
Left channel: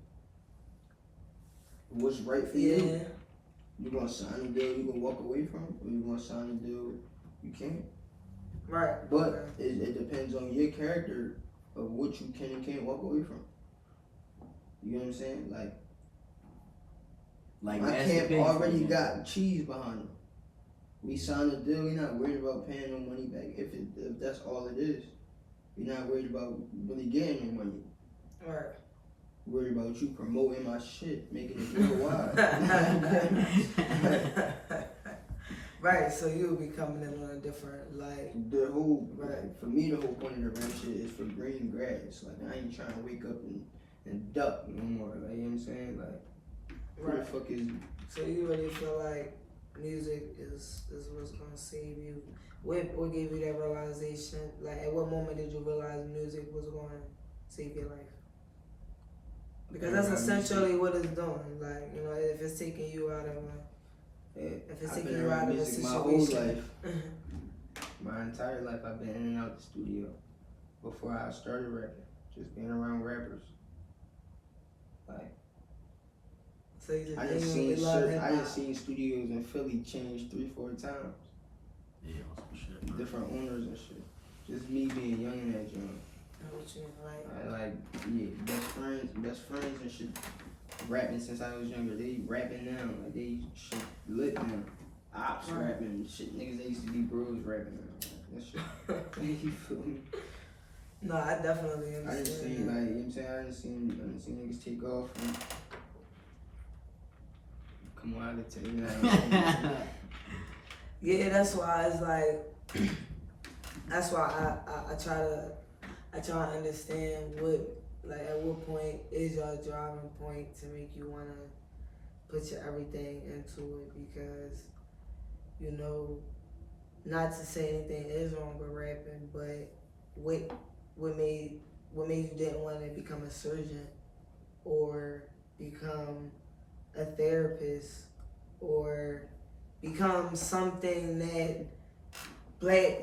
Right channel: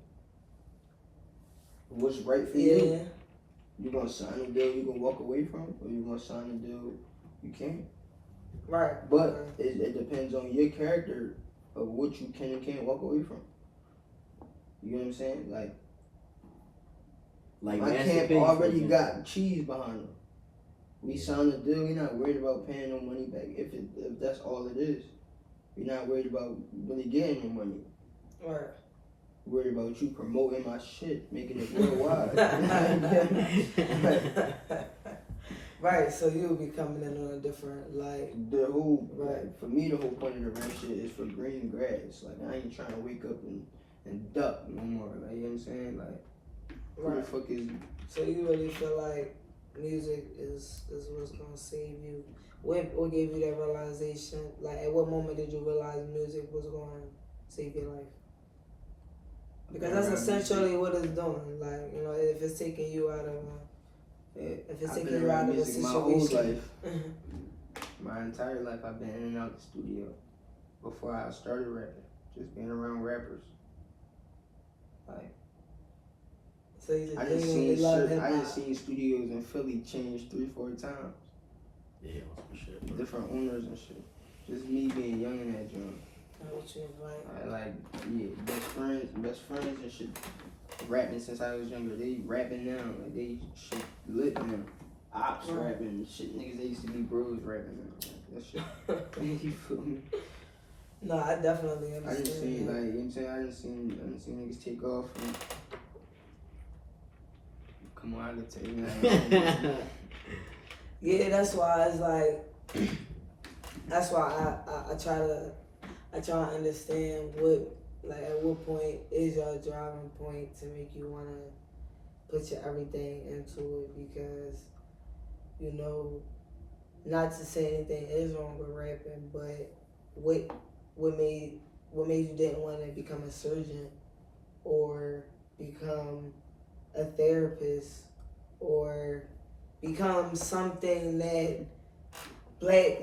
What's right for Yeah. you? You gonna sign a deal you can walk away from, or you gonna sign a deal you can't? Right. But it depends on your character of what you can and can't walk away from. You know what I'm saying? Like Like my Master camp P, for already example. got cheese behind them. We signed a deal. We're not worried about paying no money back. If that's all it is, we're not worried about really getting no money. Right. Worried about you promoting my shit, making it worldwide. Right, so you would be coming in on a different, like, The whole, Right. for me, the whole point of the rap shit is for green grass. Like, I ain't trying to wake up and duck no more. Like, you know what I'm saying? Like, who the right. fuck is So you really feel like music is what's gonna save you? What gave you that realization? Like, at what moment did you realize music was gonna save your life? Because that's essentially what it's doing. Like, you know, if it's taking you out of if it's I've taking been you out around of a music my whole situation. life. My entire life, I've been in and out the studio before I started rapping. Just being around rappers. Like, So you just I done genuinely seen love shit. hip I done hop. seen studios in Philly change 3-4 times. Yeah, some shit. Bro. Different owners and shit. Just me being young in that joint. What you right? I like, yeah, best friends and shit. Rapping since I was younger. They rapping now. Like, they shit lit now. Ops Right. rapping shit. Niggas they used to be bros rapping now. That shit. You feel me? No, I definitely I didn't understand. see, that. like, you know what I'm saying? I didn't see niggas take off. And, come on, I can tell you. Like, Yeah, that's why it's like that's why I try to understand at what point is your driving point to make you wanna put your everything into it, because you know, not to say anything is wrong with rapping, but what made you didn't want to become a surgeon or become a therapist or become something that black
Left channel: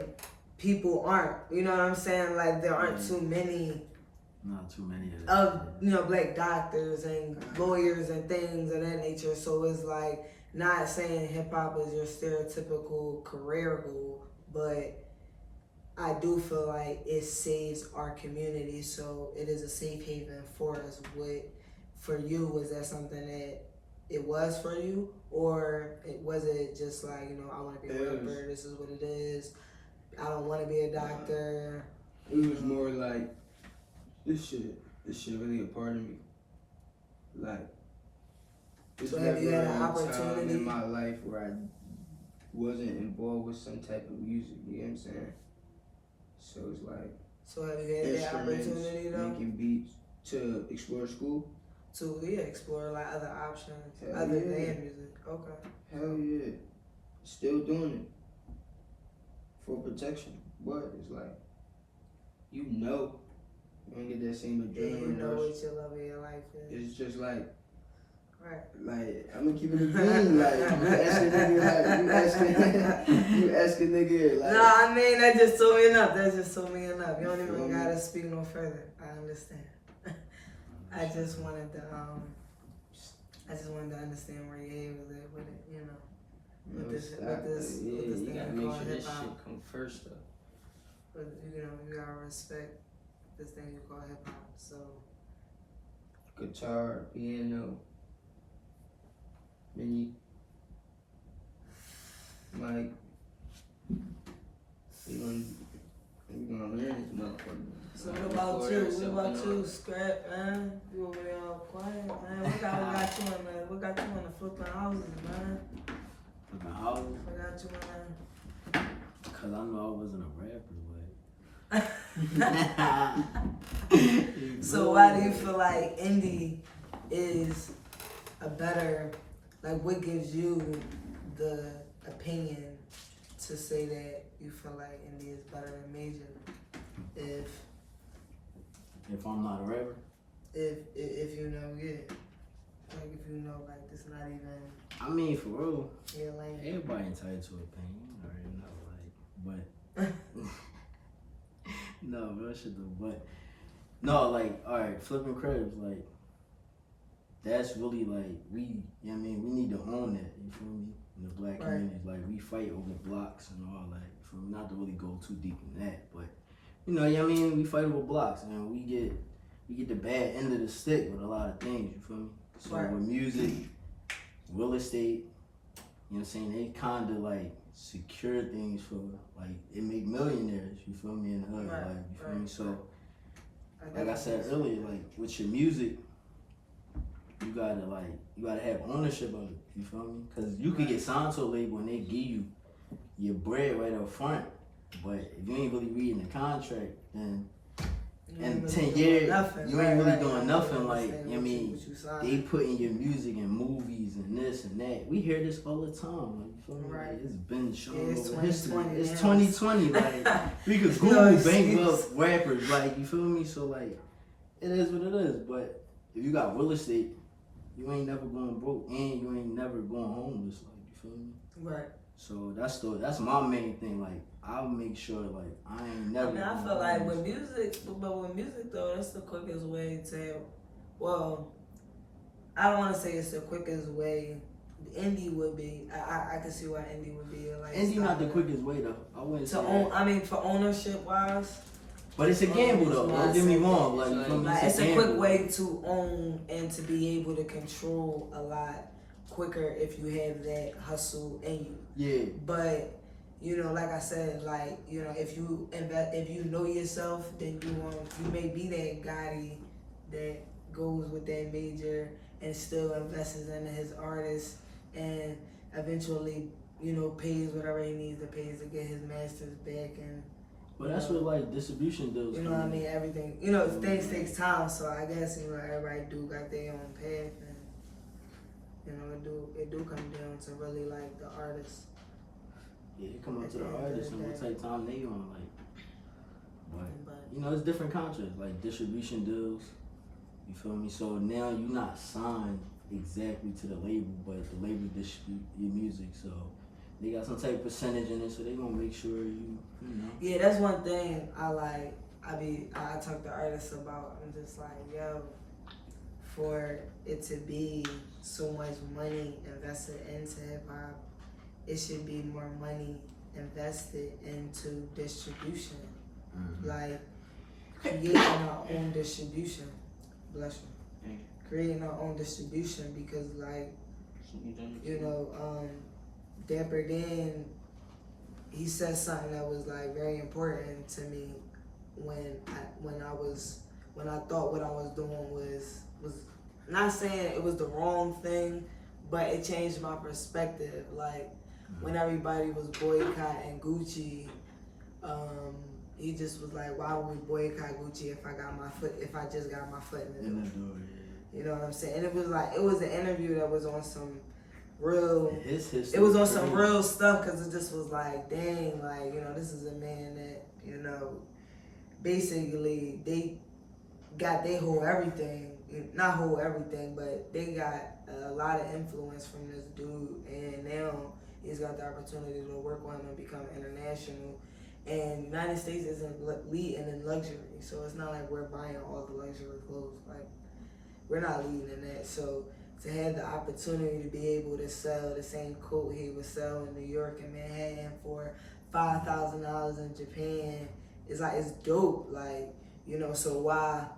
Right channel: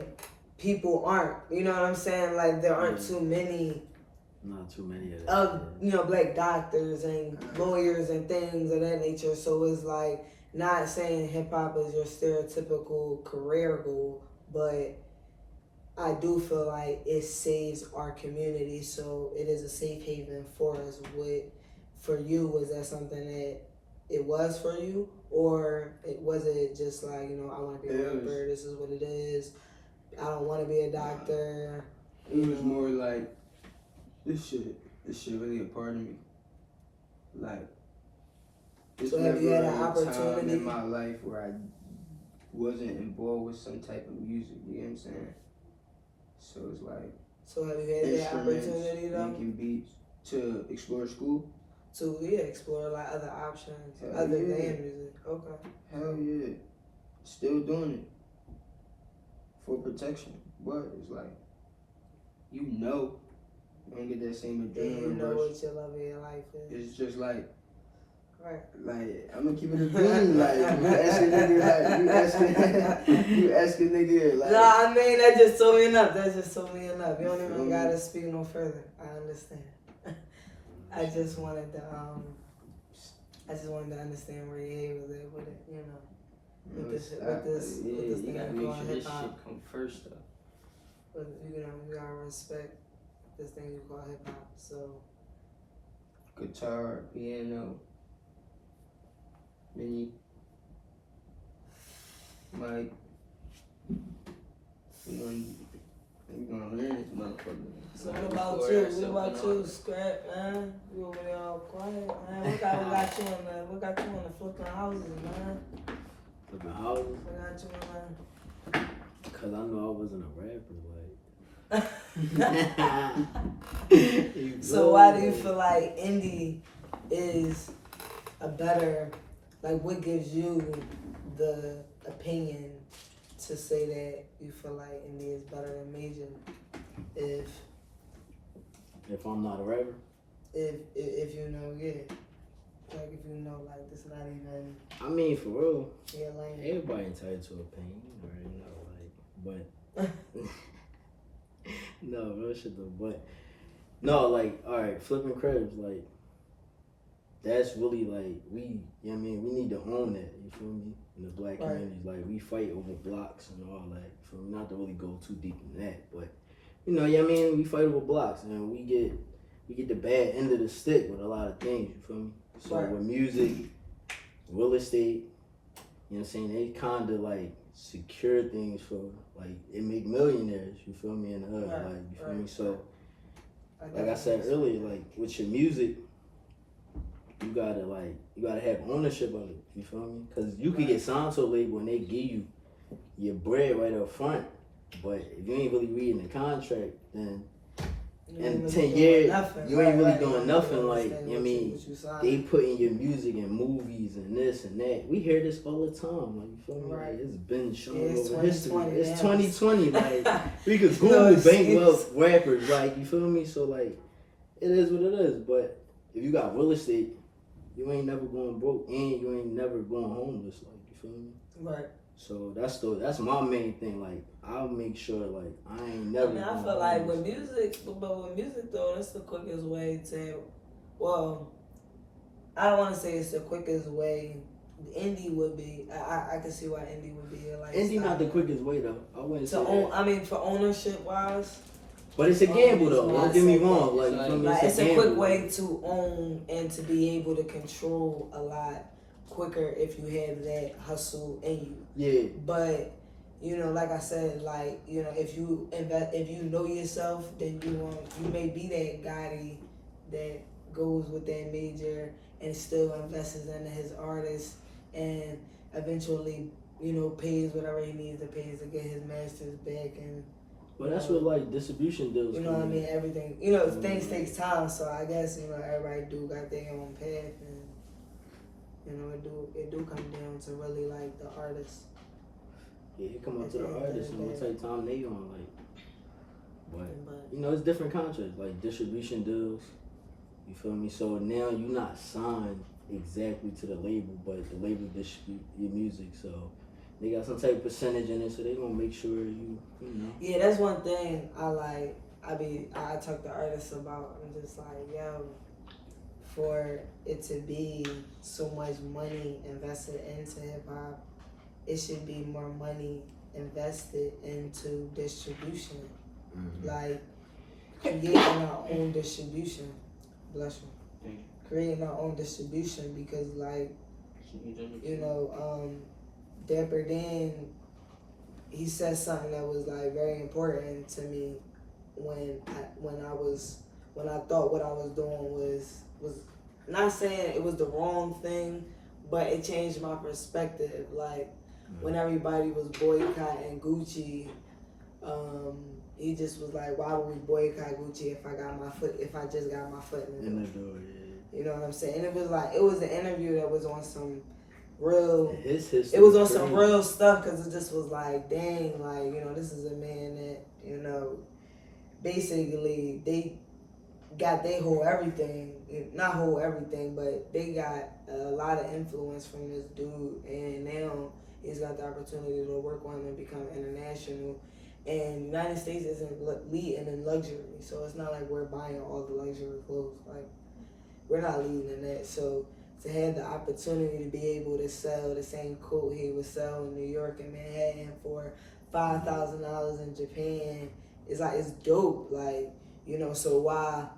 people aren't. You know what I'm saying? Like, there aren't too many Not too many of that. of, you know, black doctors and lawyers and things of that nature. So it's like, not saying hip hop is your stereotypical career goal, but I do feel like it saves our community. So it is a safe haven for us. For you, was that something that it was for you, or was it just like, you know, I want to be a rapper, this is what it is, I don't want to be a doctor? it was more like, this shit really a part of me. Like, there's So have you had an never a time opportunity? in my life where I wasn't involved with some type of music, you know what I'm saying? So it's like, So have you had that instruments, opportunity though making beats, to explore school. to explore like other options Hell other yeah. than music? Okay. Hell yeah. Still doing it for protection. But it's like, you know, you don't get that same Then you adrenaline know rush. what your love of your life is. It's just like, Right. I'm gonna keep it a bean. Like, you asking nigga, you asking nigga, like. No, I mean, that just told me enough. That just told me enough. You don't even gotta speak no further. I understand. I just wanted to understand where your head was at with it, you know. With this You thing gotta make called sure this hip-hop. shit come first though. But you know, you gotta respect this thing you call hip hop. So Guitar, piano, mini, mic. You gonna learn this motherfucker. So what about you? What about you, Scrap, man? You over there all quiet, man. What got you in the flipping houses, man? Flipping houses? What got you in Cause I know I wasn't a rapper, like. So why do you feel like indie is a better, like, what gives you the opinion to say that you feel like indie is better than major? If I'm not a rapper? If you know, yeah. Like, if you know, like, it's not even I mean, for real, your lane. everybody entitled to opinion, you already know, like, but, no, real shit though, but, no, like, alright, flipping cribs, like, that's really, like, we, you know what I mean, we need to own that, you feel me, in the black Right. communities, like, we fight over blocks and all that, you feel me, not to really go too deep in that, but, you know what I mean, we fight over blocks, and we get the bad end of the stick with a lot of things, you feel me, so Right. with music, real estate, you know what I'm saying, they kinda, like, secure things for, like, it make millionaires, you feel me, in the hood, Right, like, you feel right, me, so, right. like I said earlier, like, with your music, you gotta have ownership of it, you feel me, cause you could get signed to a label and they give you your bread right up front. But if you ain't really reading the contract, then in 10 years, you ain't really doing nothing. Like, I mean, they putting your music in movies and this and that. We hear this all the time. Like, you feel me? Like, it's been shown over history. It's 2020. Like, we could Google bankrupt rappers. Like, you feel me? So, like, it is what it is. But if you got real estate, you ain't never going broke and you ain't never going homeless. Like, you feel me? Right. So that's my main thing. Like, I'll make sure, like, I ain't never. I feel like with music though, that's the quickest way to. Well, I don't want to say it's the quickest way. Indie would be. I can see why indie would be like. Indie not the quickest way though. I wouldn't say. I mean, for ownership wise. But it's a gamble though. Don't get me wrong. Like, it's a quick way to own and to be able to control a lot quicker if you have that hustle in you. Yeah. But you know, like I said, like, you know, if you know yourself, then you may be that guy that goes with that major and still invests into his artist and eventually, you know, pays whatever he needs to pay to get his masters back. And but that's what like distribution deals. You know what I mean? Everything. You know, things takes time, so I guess, you know, everybody do got their own path, and you know, it do come down to really like the artist. Yeah, it come up to the artist and what type of time they on, like. But you know, it's different contracts, like distribution deals. You feel me? So now you're not signed exactly to the label, but the label distribute your music, so they got some type of percentage in it, so they gonna make sure you know. Yeah, that's one thing I like. I talk to artists about. I'm just like, yo, for it to be so much money invested into hip hop, it should be more money invested into distribution. Mm-hmm. Like creating our own distribution. Bless you. Creating our own distribution because, like, you know, Dapper Dan, he said something that was like very important to me when I thought what I was doing was not saying it was the wrong thing, but it changed my perspective. Like when everybody was boycotting Gucci, he just was like, why would we boycott Gucci if I just got my foot in the door? You know what I'm saying? And it was an interview that was on some real, it was on some real stuff, because it just was like, dang, like, you know, this is a man that, you know, basically they got they whole everything, not whole everything, but they got a lot of influence from this dude, and now he's got the opportunity to work on him and become international. And United States isn't leading in luxury, so it's not like we're buying all the luxury clothes. Like, we're not leading in that. So to have the opportunity to be able to sell the same coat he would sell in New York and Manhattan for $5,000 in Japan, it's like, it's dope. Like, you know, so while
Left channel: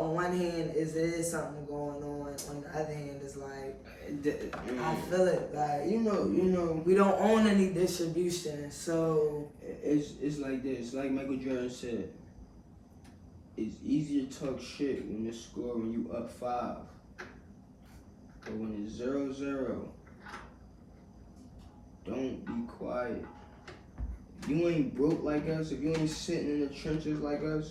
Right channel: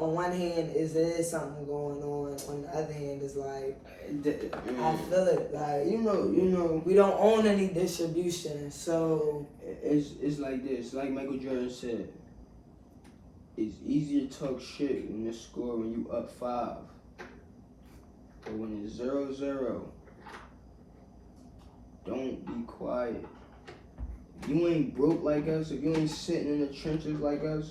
on one hand there is something going on the other hand it's like, I feel it, like, you know, we don't own any distribution, so it's like this. Like Michael Jordan said, it's easier to talk shit when you score when you up 5, but when it's 0-0, don't be quiet. If you ain't broke like us, if you ain't sitting in the trenches like us,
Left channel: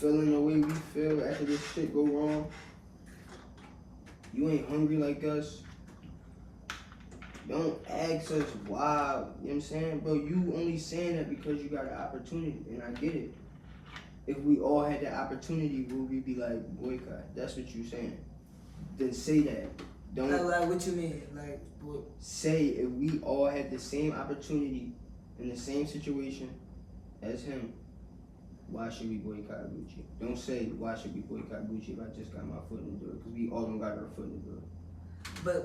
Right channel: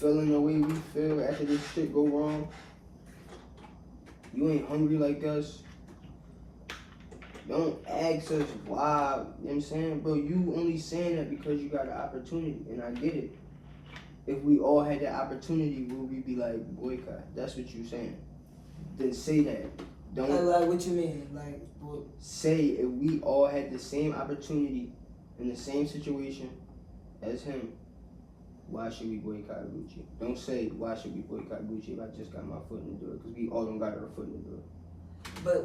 feeling the way we feel after this shit go wrong, you ain't hungry like us, don't ask us why. You know what I'm saying? Bro, you only saying that because you got an opportunity, and I get it. If we all had that opportunity, would we be like, boycott? That's what you saying. Then say that. Don't like what you mean? Like, what? Say if we all had the same opportunity in the same situation as him, why should we boycott Gucci? Don't say, why should we boycott Gucci if I just got my foot in the door? Because we all don't got our foot in the door.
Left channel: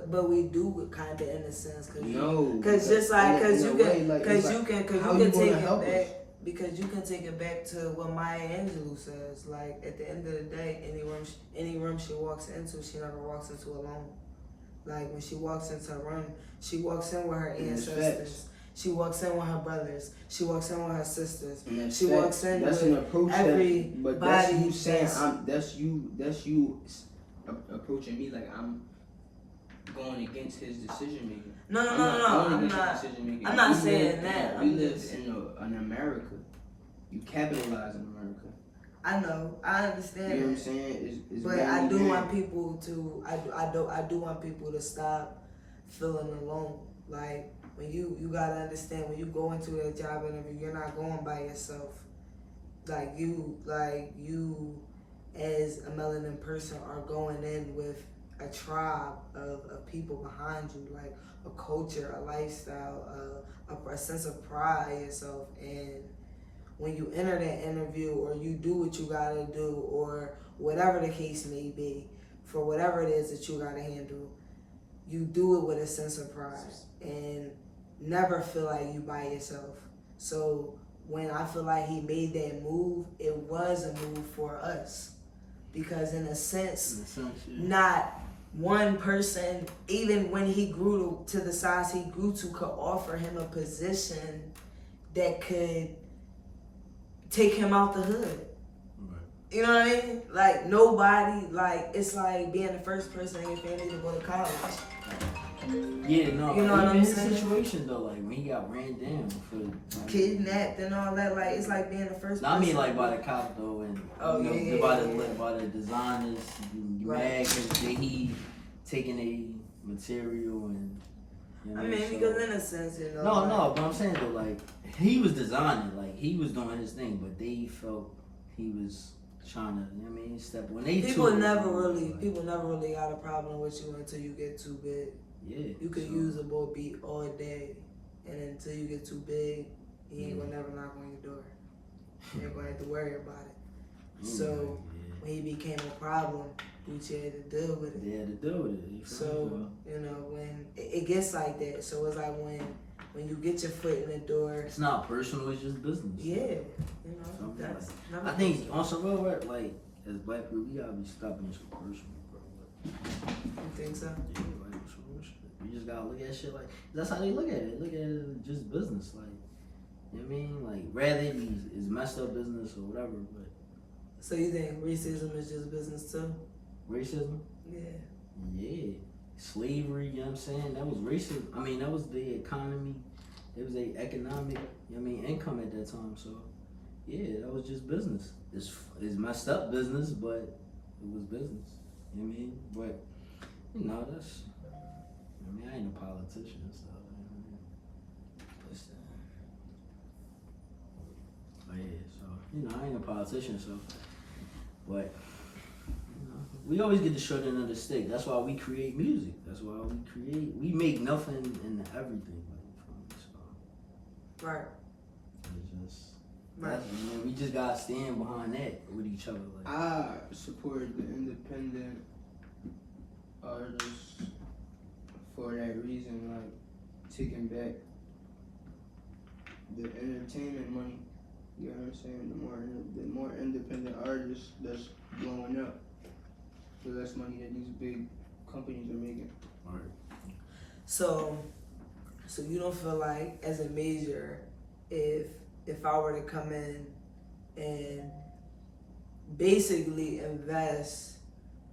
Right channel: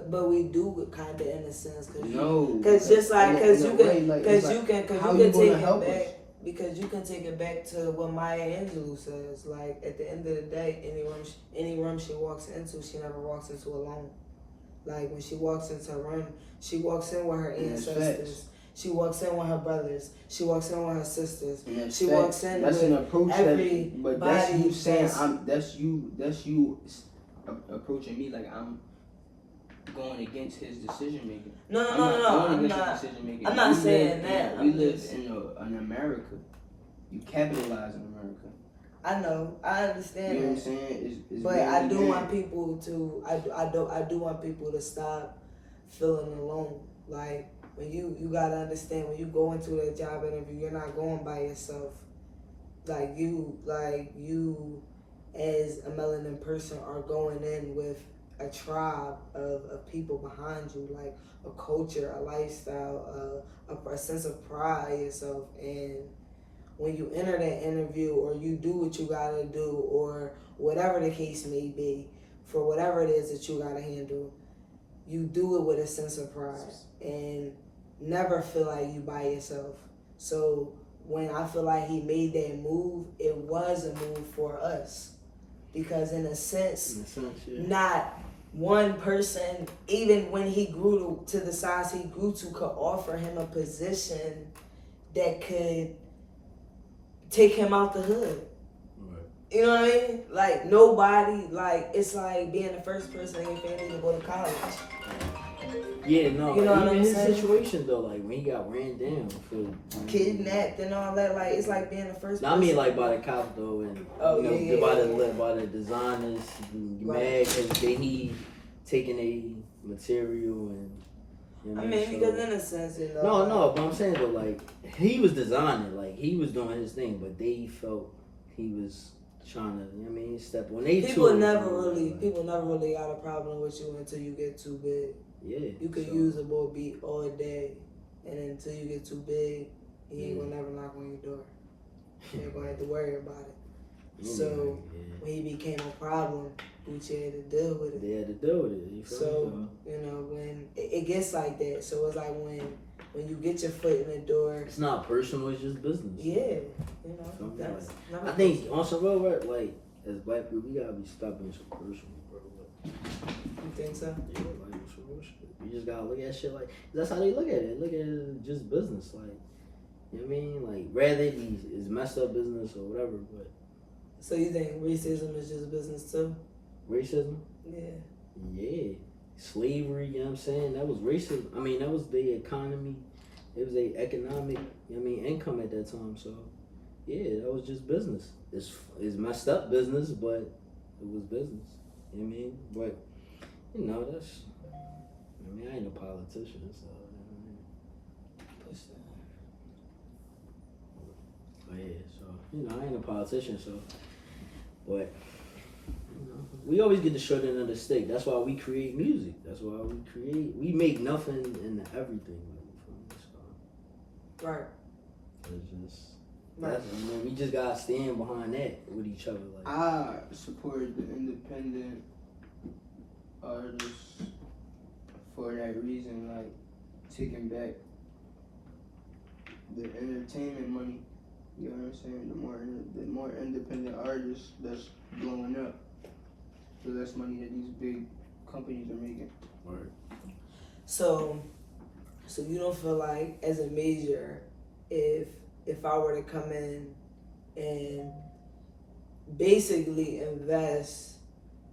But we do kind of, in a sense, because just like, because you can take it back. Us? Because you can take it back to what Maya Angelou says. Like, at the end of the day, any room she walks into, she never walks into alone. Like, when she walks into a room, she walks in with her ancestors. She walks in with her brothers. She walks in with her sisters. She walks in that's with an approach everybody. But that's you saying that's you approaching me like I'm going against his decision making. No, I'm I'm going not. against his decision making. I'm not We saying live- that. We I'm live just- in America. You capitalize in America. I know. I understand. You know what I'm that. saying? It's But really I do bad. want people to. I do want people to stop feeling alone. Like when you gotta understand when you go into that job interview, you're not going by yourself. Like you as a melanin person are going in with a tribe of people behind you, like a culture, a lifestyle, a sense of pride in yourself. And when you enter that interview or you do what you gotta do or whatever the case may be, for whatever it is that you gotta handle, you do it with a sense of pride and never feel like you by yourself. So when I feel like he made that move, it was a move for us. Because in a sense, yeah. not one person, even when he grew to the size he grew to, could offer him a position that could take him out the hood. Right. You know what I mean? Like nobody, like it's like being the first person in your family to go to college. Yeah, no, You know what even I'm his saying? situation though, like when he got ran down for Kidnapped and all that, like it's like being the first person. I mean, like by the cops though, and Oh, you know, yeah. by the designers, Right. mad because he taking a material and. You know, I mean, so- because in a sense, you know. No, but I'm saying though, like he was designing, like he was doing his thing, but they felt he was trying to. You know what I mean, step when they People took- never really got a problem with you until you get too big. Yeah, You could so- use a bull beat all day, and until you get too big, he ain't gonna never knock on your door. You ain't gonna have to worry about it. So when he became a problem, Gucci had to deal with it. They had to deal with it. You feel So me? you know when it gets like that, so it's like when you get your foot in the door. It's not personal; it's just business. Yeah, you know Feel me? that's. Like, never I think personal. on some real work, like as black people, we gotta be stopping some personal, bro. Like, You think so? yeah, like some real shit. You just gotta look at shit like that's how they look at it. Look at it as just business, like you know what I mean. Like rather it is messed up business or whatever, but So you think racism is just business too? racism. Yeah. Yeah, slavery, you know what I'm saying? That was racism. I mean, that was the economy. It was a economic, you know what I mean, income at that time. So, yeah, that was just business. It's messed up business, but it was business. You know what I mean? But, you know, that's, I mean, I ain't a politician, so, you know what I mean? But, yeah, so, you know, I ain't a politician, so, but, we always get the short end of the stick. That's why we create music. That's why we make nothing into everything. Like, so Right. it's just, Right. that's, you know, we just gotta stand behind that with each other. Like, I support the independent artists for that reason, like taking back the entertainment money. You know what I'm saying? The more independent artists that's blowing up, the less money that these big companies are making. right. So you don't feel like as a major, if I were to come in and basically invest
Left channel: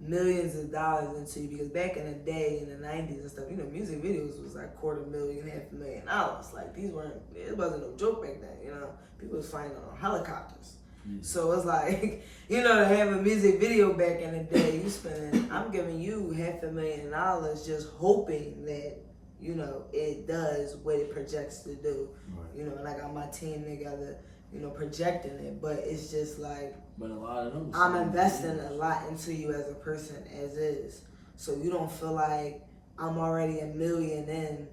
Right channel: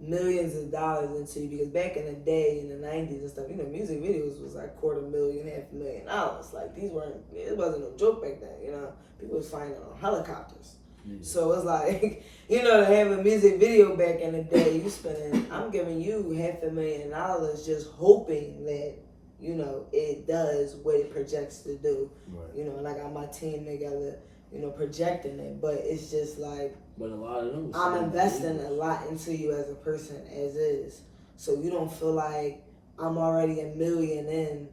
millions of dollars into you, because back in the day in the 90s and stuff, you know, music videos was like $250,000, $500,000. Like it wasn't no joke back then, you know. People was flying on helicopters. Yeah. So it's like, you know, to have a music video back in the day, you spending, I'm giving you $500,000 just hoping that, you know, it does what it projects to do. Right. You know, and I got my team together, you know, projecting it. But it's just like, But a lot of them. I'm investing a lot into you as a person as is. So you don't feel like I'm already $1 million in.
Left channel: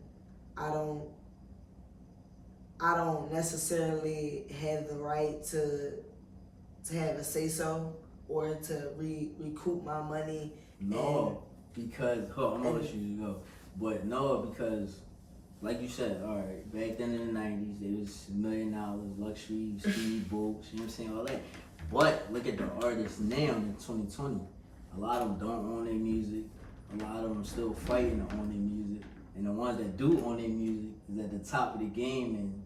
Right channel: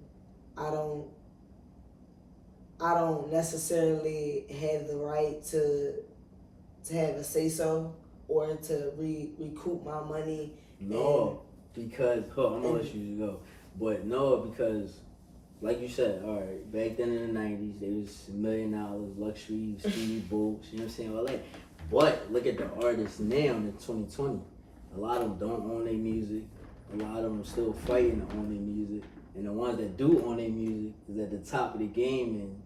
I don't necessarily have the right to have a say so or to recoup my money. No, because I'm gonna let you go. But no, because like you said, all right, back then in the 90s, they was $1 million, luxury, speed boats, you know what I'm saying, all that. But look at the artists now in 2020. A lot of them don't own their music. A lot of them are still fighting to own their music. And the ones that do own their music is at the top of the game. And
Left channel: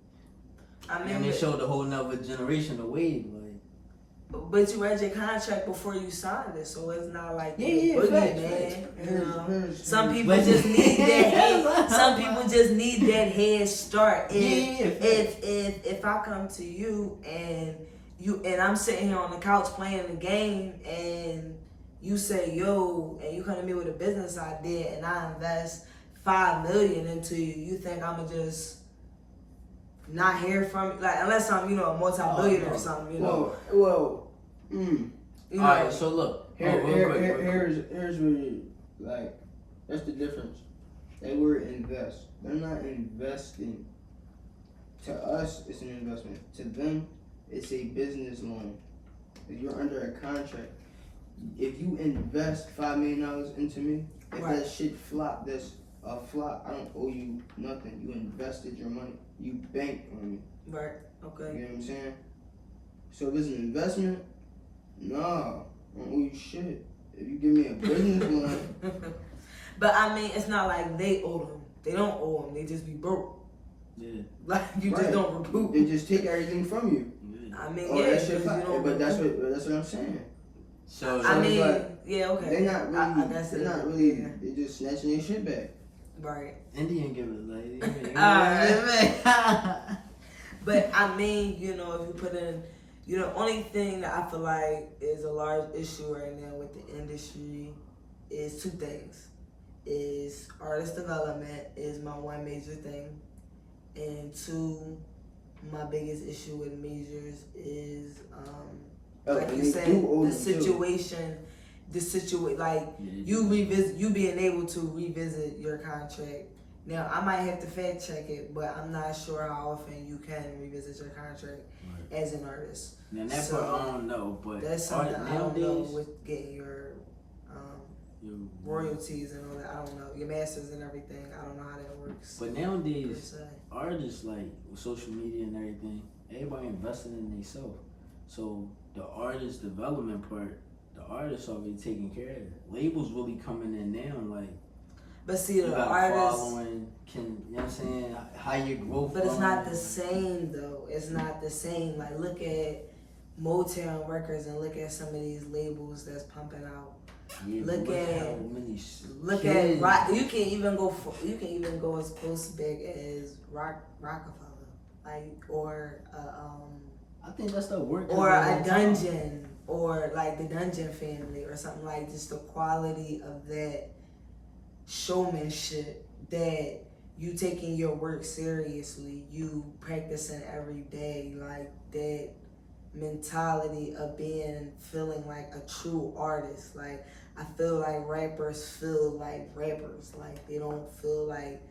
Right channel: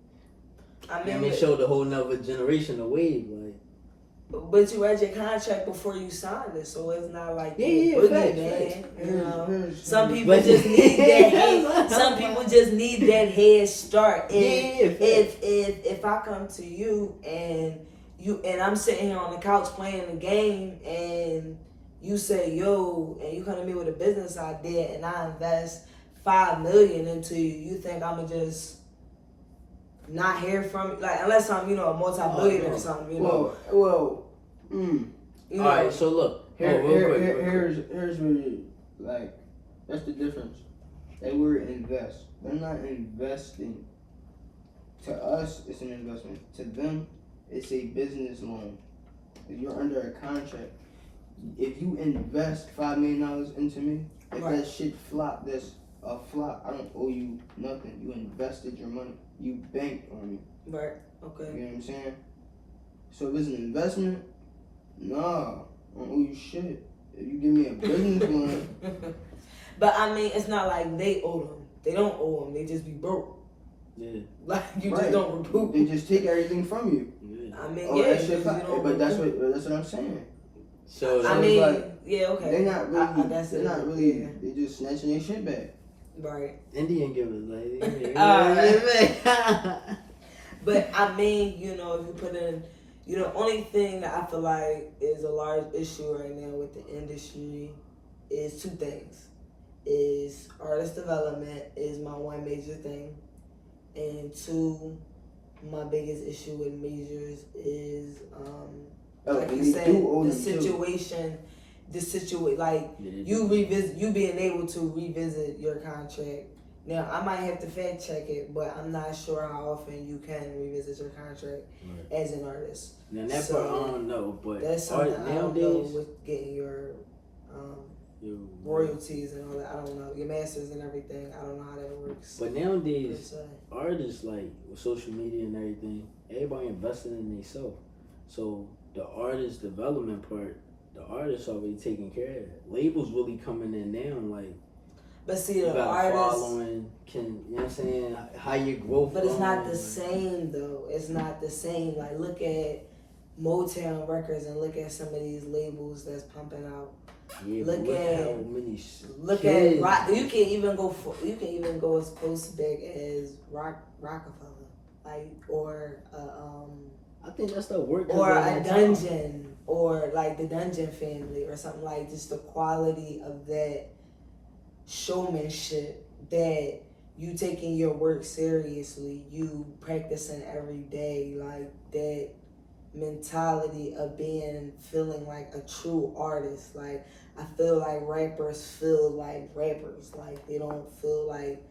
I they showed a whole nother generation a wave. Like, But you read your contract before you signed it, so it's not like Yeah, facts. you know. Here's- Some people just need that head. Some people just need that head start. If I come to you and I'm sitting here on the couch playing the game and you say yo and you come to me with a business idea and I invest $5 million into you, you think I'ma just not hear from you? Like unless I'm a multi-billionaire or something, you know. You know, Alright, so look. Real quick. Here's where, like, that's the difference. That word invest. They're not investing. To us, it's an investment. To them, it's a business loan. If you're under a contract, if you invest $5 million into me, if Right. that shit flop, that's a flop. I don't owe you nothing. You invested your money. You banked on me. Right. Okay. You know what I'm saying? So if it's an investment, nah, I don't owe you shit. If you give me a business loan, But I mean, it's not like they owe them. They don't owe them. They just be broke. Yeah. Like you Right. just don't recruit. they just take everything from you. Yeah. I mean, Oh, yeah, that shit because flop. you don't But that's recruit. what I'm saying. So I it's mean, like, yeah, okay. They're not really. I guess they're it- not really. yeah. They just snatching their shit back. Right. Indian give it like But I mean, if you put in, only thing that I feel like is a large issue right now with the industry is two things. Is artist development is my one major thing. And two, my biggest issue with majors is, like you said, you being able to revisit your contract. Now, I might have to fact check it, but I'm not sure how often you can revisit your contract as an artist. Now that part I don't know, but That's something I don't know nowadays with getting your royalties and all that. I don't know. Your masters and everything. I don't know how that works. But nowadays, artists like with social media and everything, everybody investing in themselves. So the artist development part, the artists already taking care of it. Labels really coming in now, like. But see, You the got a artists, following, you know what I'm saying? How your growth but it's not going. the same though. It's not the same. Like look at Motown Records and look at some of these labels that's pumping out. Yeah, Look but at- how many Look kids. at rock. You can even go as close back as Rockefeller, like or I think that's the work. or a Dungeon or like the Dungeon Family or something like just the quality of that showmanship that you taking your work seriously, you practicing every day, like that mentality of feeling like a true artist. Like I feel like rappers feel like rappers, like they don't feel like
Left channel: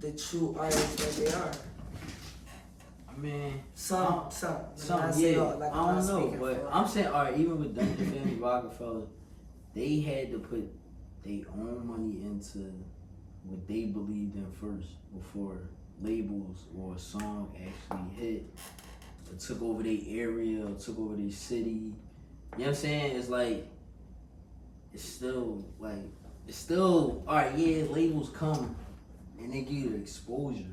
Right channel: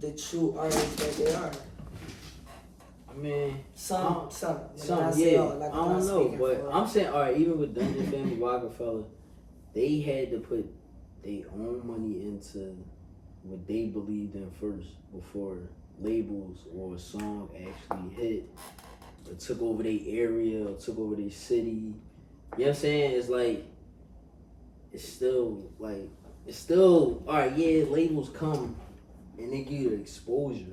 the true artists that they are. I mean, Some, yeah. like I don't know, but I'm saying, all right, even with Dungeon Family Rockefeller, they had to put their own money into what they believed in first before labels or a song actually hit or took over their area or took over their city. You know what I'm saying? It's like, it's still, all right, yeah, labels come and they give you the exposure.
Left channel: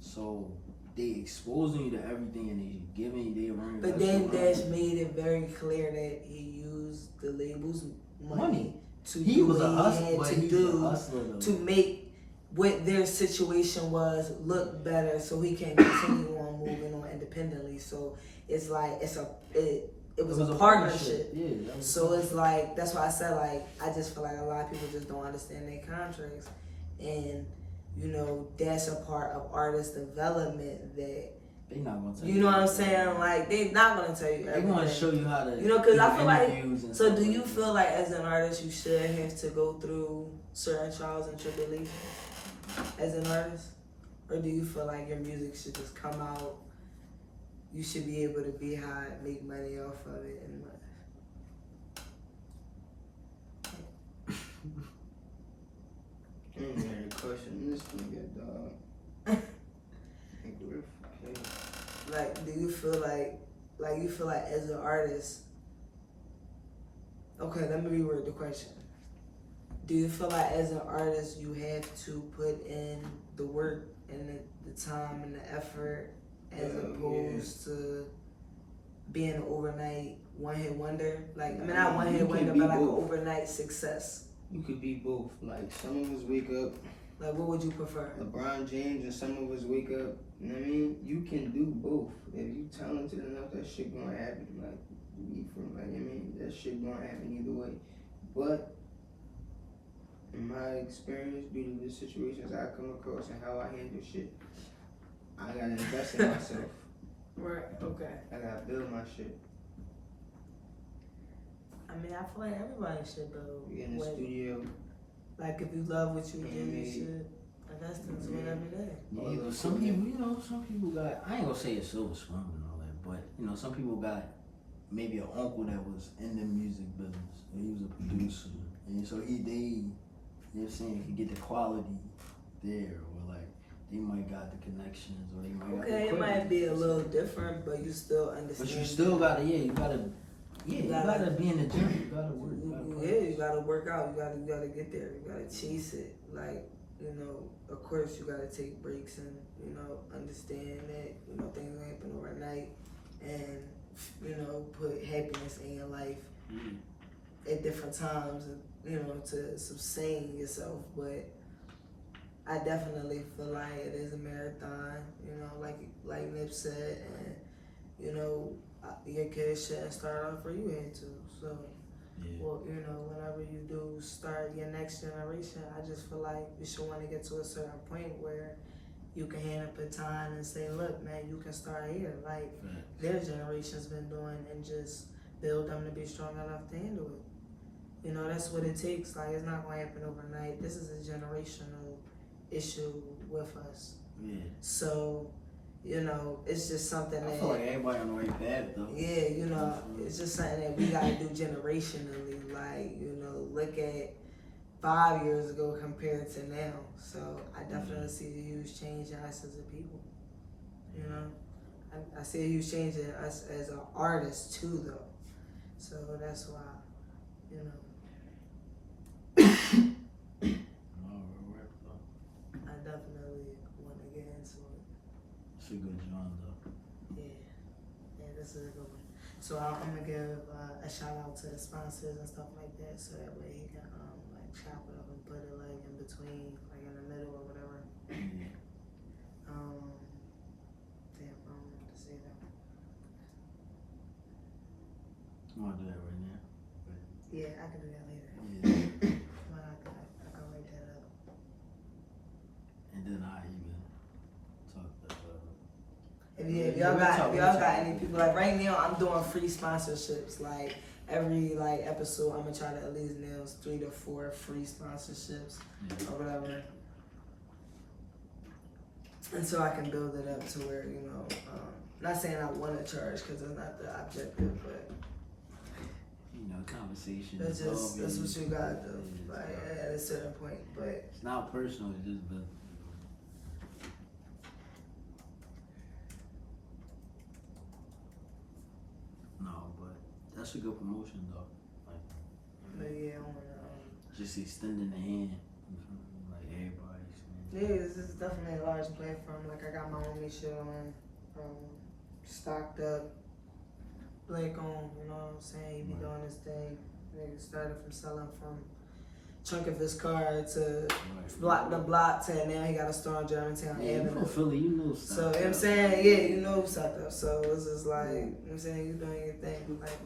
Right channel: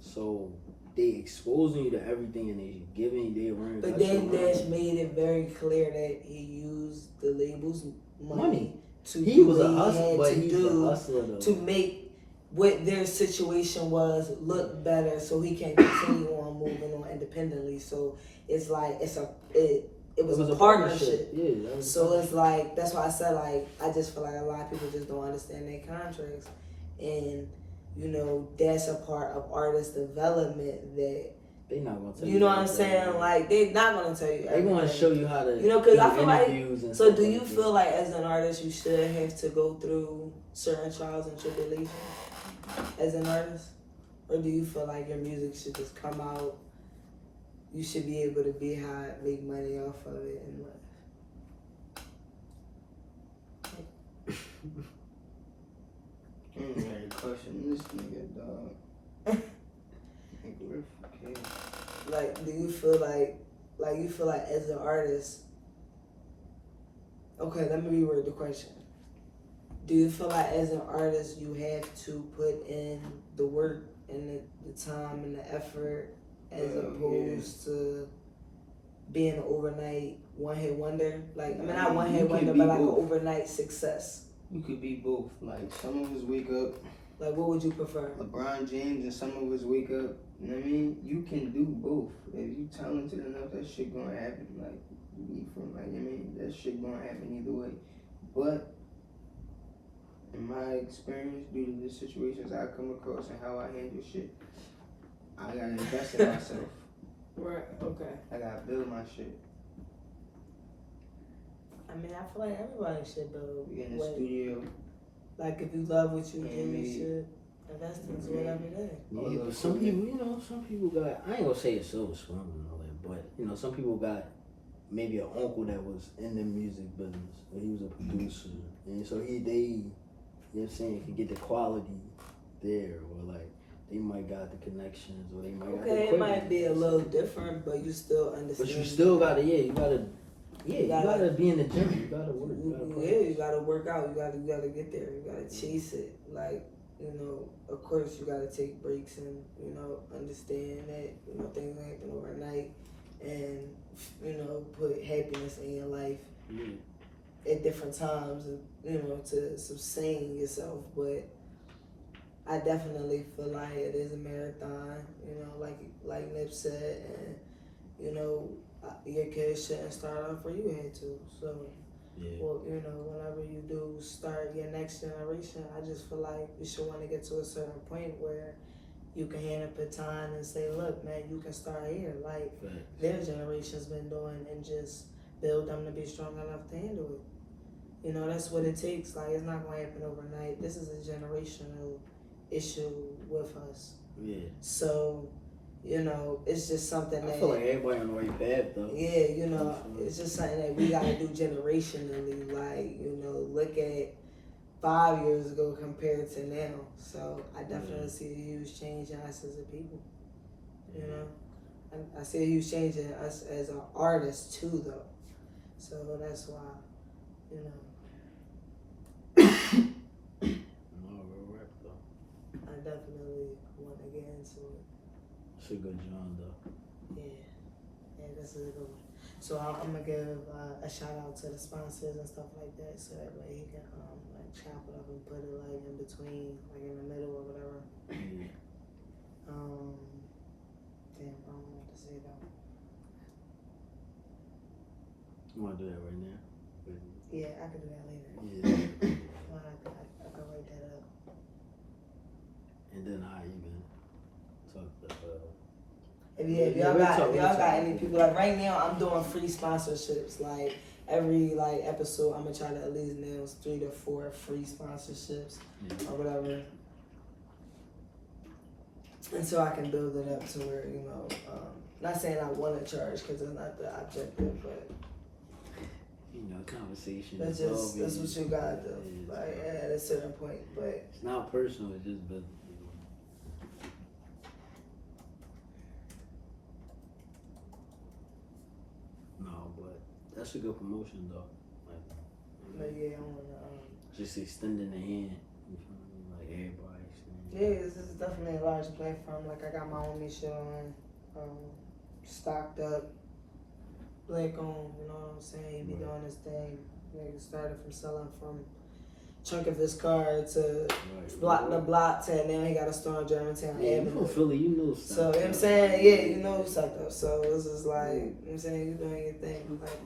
So they exposing you to everything and they giving you their own. But Dame Dash made it very clear that he used the label's money to He do was a what he hustler, had but to he's do a hustler though. to make what their situation was look better, so he can continue on moving on independently. So it's like it was a partnership. Yeah. So it's like that's why I said like I just feel like a lot of people just don't understand their contracts, and that's a part of artist development that they not gonna tell you. you know what I'm saying? Like they're not gonna tell you. They're gonna show you how to. Because I feel like. and So stuff do you like that. feel like as an artist you should have to go through certain trials and tribulations as an artist, or do you feel like your music should just come out? You should be able to be high, make money off of it, and Question this nigga, dog. like, do you feel like as an artist? Okay, let me reword the question. Do you feel like as an artist you have to put in the work and the time and the effort as opposed to being an overnight one-hit wonder. Like, I mean, not You one-hit can wonder, be but like an both. overnight success. You could be both. Like some of us wake up Like, what would you prefer? LeBron James, and some of us wake up. You know what I mean? You can do both. If you talented enough, that shit gonna happen. Like me from like, you know what I mean, that shit gonna happen either way. But in my experience, due to the situations I come across and how I handle shit, I gotta invest in myself. Right. Okay. I gotta build my shit. I mean, I feel like everybody should build. We in the studio. Like, if you love what you do, Yeah, you should invest into whatever it is. Yeah, but some people, you know, some people got, I ain't gonna say it's so swim and all that, but, you know, some people got maybe an uncle that was in the music business, or he was a producer, and so they, you know what I'm saying, can get the quality there, or like, they might got the connections, or they might got the Okay, it might equipment. be a little different, but you still understand. But you still gotta, you gotta be in the gym, you gotta work, you gotta work out, you gotta get there, you gotta chase it. Like, you know, of course you gotta take breaks and, you know, understand that, you know, things don't happen overnight, and, you know, put happiness in your life at different times, you know, to sustain yourself. But I definitely feel like it is a marathon, you know, like Nip said, and, you know, your kids shouldn't start off where you had to. So, well, you know, whenever you do start your next generation, I just feel like you should want to get to a certain point where you can hand up a baton and say, look, man, you can start here, like their generation's been doing, and just build them to be strong enough to handle it. You know, that's what it takes. Like, it's not going to happen overnight. This is a generational issue with us. Yeah. So, you know, it's just something that I feel like everybody on the right path though. Yeah, you know, it's just something that we gotta do generationally. Like, you know, look at 5 years ago compared to now. So I definitely see a huge change in us as a people. You know, I see a huge change in us as an artist too, though. So that's why, you know. I definitely want to get into it. It's a good job though. Yeah, this is a good one. So I'm gonna give a shout out to the sponsors and stuff like that, so that way he can like chop it up and put it like in between, like in the middle or whatever. Damn, I don't know what to say though. You wanna do that right now? Yeah, I can do that later. Yeah. I can write that up. And then I even talk to If y'all got any people, like right now I'm doing free sponsorships. Like every episode I'm gonna try to at least nail 3 to 4 free sponsorships or whatever. And so I can build it up to where, you know, not saying I want to charge because it's not the objective, but you know, conversation. that's what you gotta do, like at a certain point. But it's not personal, it's just business. No, but that's a good promotion though. Like, yeah, just extending the hand. You feel me? Like everybody. yeah, it's definitely a large platform. Like I got my own show on, stocked up. Blake on, you know what I'm saying? He be doing this thing. Nigga started from selling from trunk of his car to block the block to now he got a store in Germantown. Yeah, you from Philly, you know stuff. So, you know what I'm saying? Yeah, you know something. So it's just like, you know what I'm saying? You doing your thing, like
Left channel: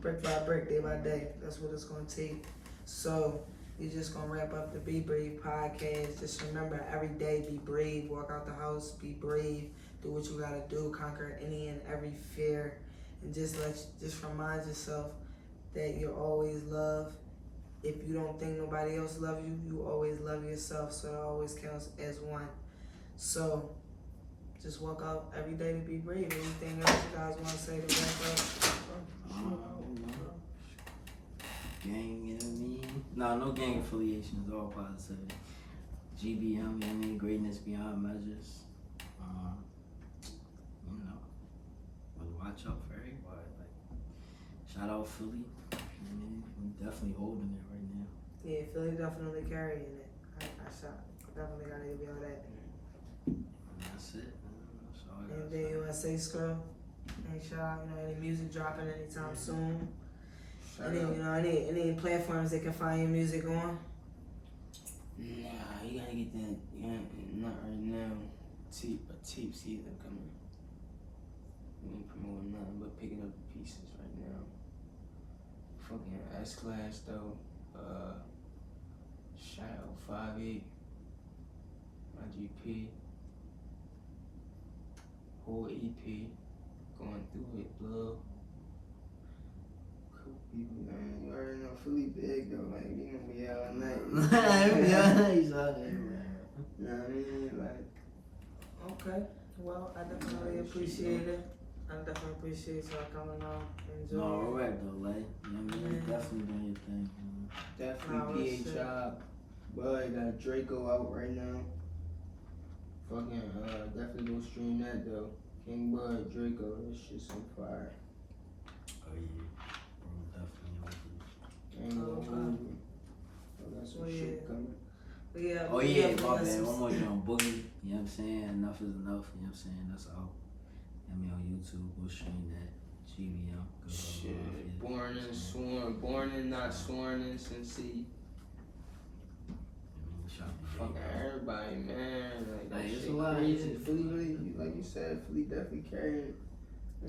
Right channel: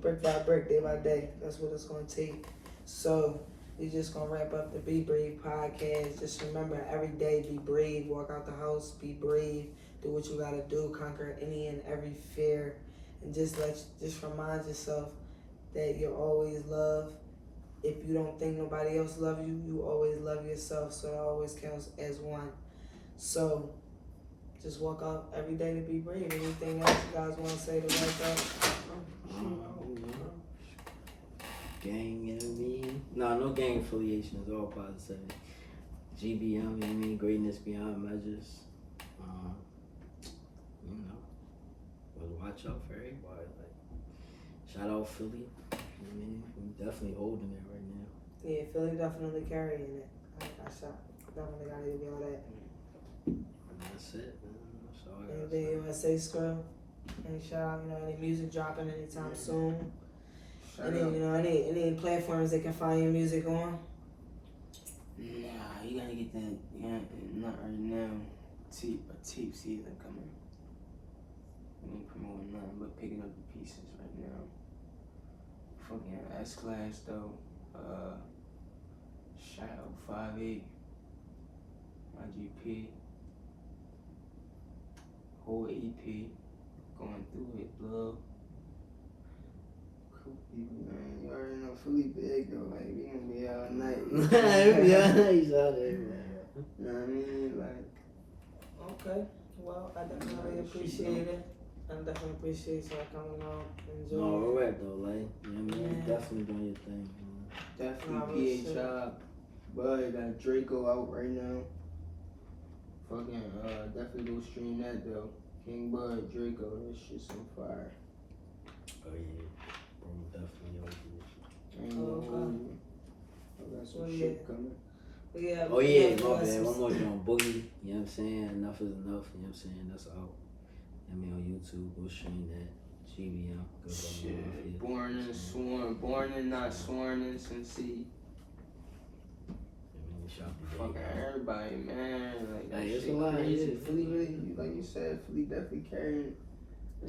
brick by brick, day by day. That's what it's gonna take. So we just gonna wrap up the Be Brave podcast. Just remember, every day be brave. Walk out the house, be brave. Do what you gotta do. Conquer any and every fear. And just remind yourself that you're always loved. If you don't think nobody else love you, you always love yourself. So it always counts as one. So just walk out every day to be brave. Anything else you guys want to say to wrap up? Gang, you know what I mean? No gang affiliations, all positivity. GBM, you know what I mean? Greatness beyond measures. You know, we'll watch out for everybody. Like, shout out Philly. You know what I mean? We definitely holding it right now. Yeah, Philly definitely carrying it. I definitely gotta give y'all that. And that's it, man. That's all I gotta Anything you wanna say, Scrum? Any shout out, any music dropping anytime soon? Shout Any, out. any platforms they can find your music on? Nah, you gotta get that. Yeah, not right now. A tape season coming. We ain't promoting nothing but picking up the pieces right now. Fucking S Class though. Shadow 5'8". IGP. Whole EP. Going through it, love. Cool people, man. You already know Philly big though. Like we gonna be out all night. Yeah, he's out there. You know what I mean? Like. Okay. Well, I definitely appreciate it. I definitely appreciate y'all coming out. Enjoy. No, we're right though, like, you know what I mean? Definitely doing your thing, man. Definitely PHI. Bud got Draco out right now. Fucking definitely go stream that though. King Bud, Draco, this shit's on fire. Oh yeah, bro, definitely Ain't gonna hold you. I got some shit coming. Yeah, oh yeah, my bad. One more joint, Boogie. You know what I'm saying? Enough is enough. You know what I'm saying? That's out. I mean on YouTube, go stream that. GBM. Shit. Born and sworn. Born and not sworn in Cincy. Fucking everybody, man. Like that it's shit a lot. crazy. Philly really, like you said, Philly definitely carrying.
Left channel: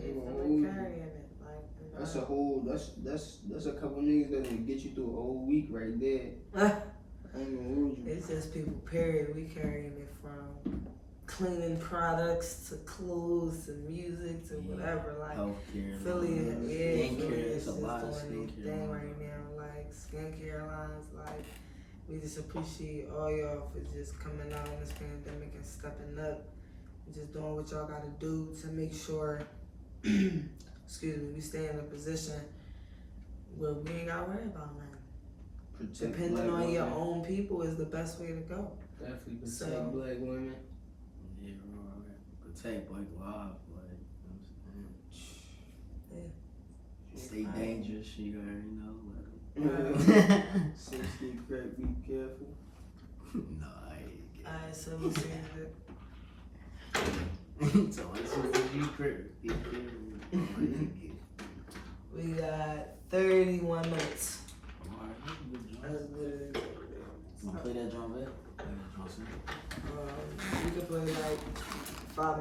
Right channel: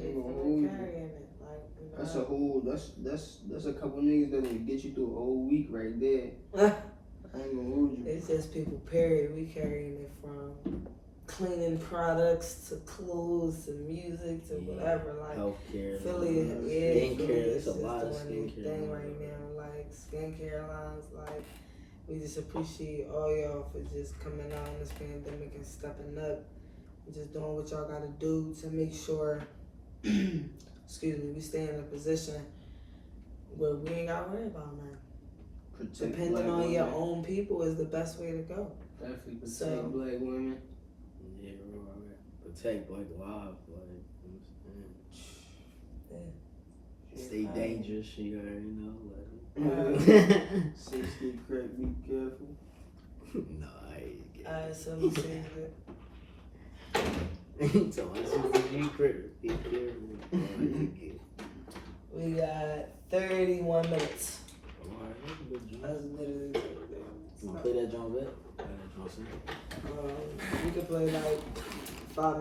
Ain't gonna hold carrying you. it. Like, That's a whole. That's a couple niggas that'll get you through a whole week right there. I ain't gonna hold you. It's just people, period. We carrying it from cleaning products to clothes to music to whatever. Like healthcare. Philly, skincare. It's a just lot of doing skincare. their thing right now. Like skincare lines. Like we just appreciate all y'all for just coming out in this pandemic and stepping up and just doing what y'all gotta do to make sure. Excuse me. We stay in a position where we ain't gotta worry about nothing. Protect Depending black on your women. own people is the best way to go. Definitely protect So- black women. Yeah, right. Protect black lives, like, you know what I'm saying? Stay dangerous, you already know. Like. 60 crack, be careful. No, I ain't Alright, so we saying that. getting so I said you crit. Be careful. We got 31 minutes. Alright, that's a good job. That's literally You wanna play that drum back? Play that drum soon. we could play like 5 minutes.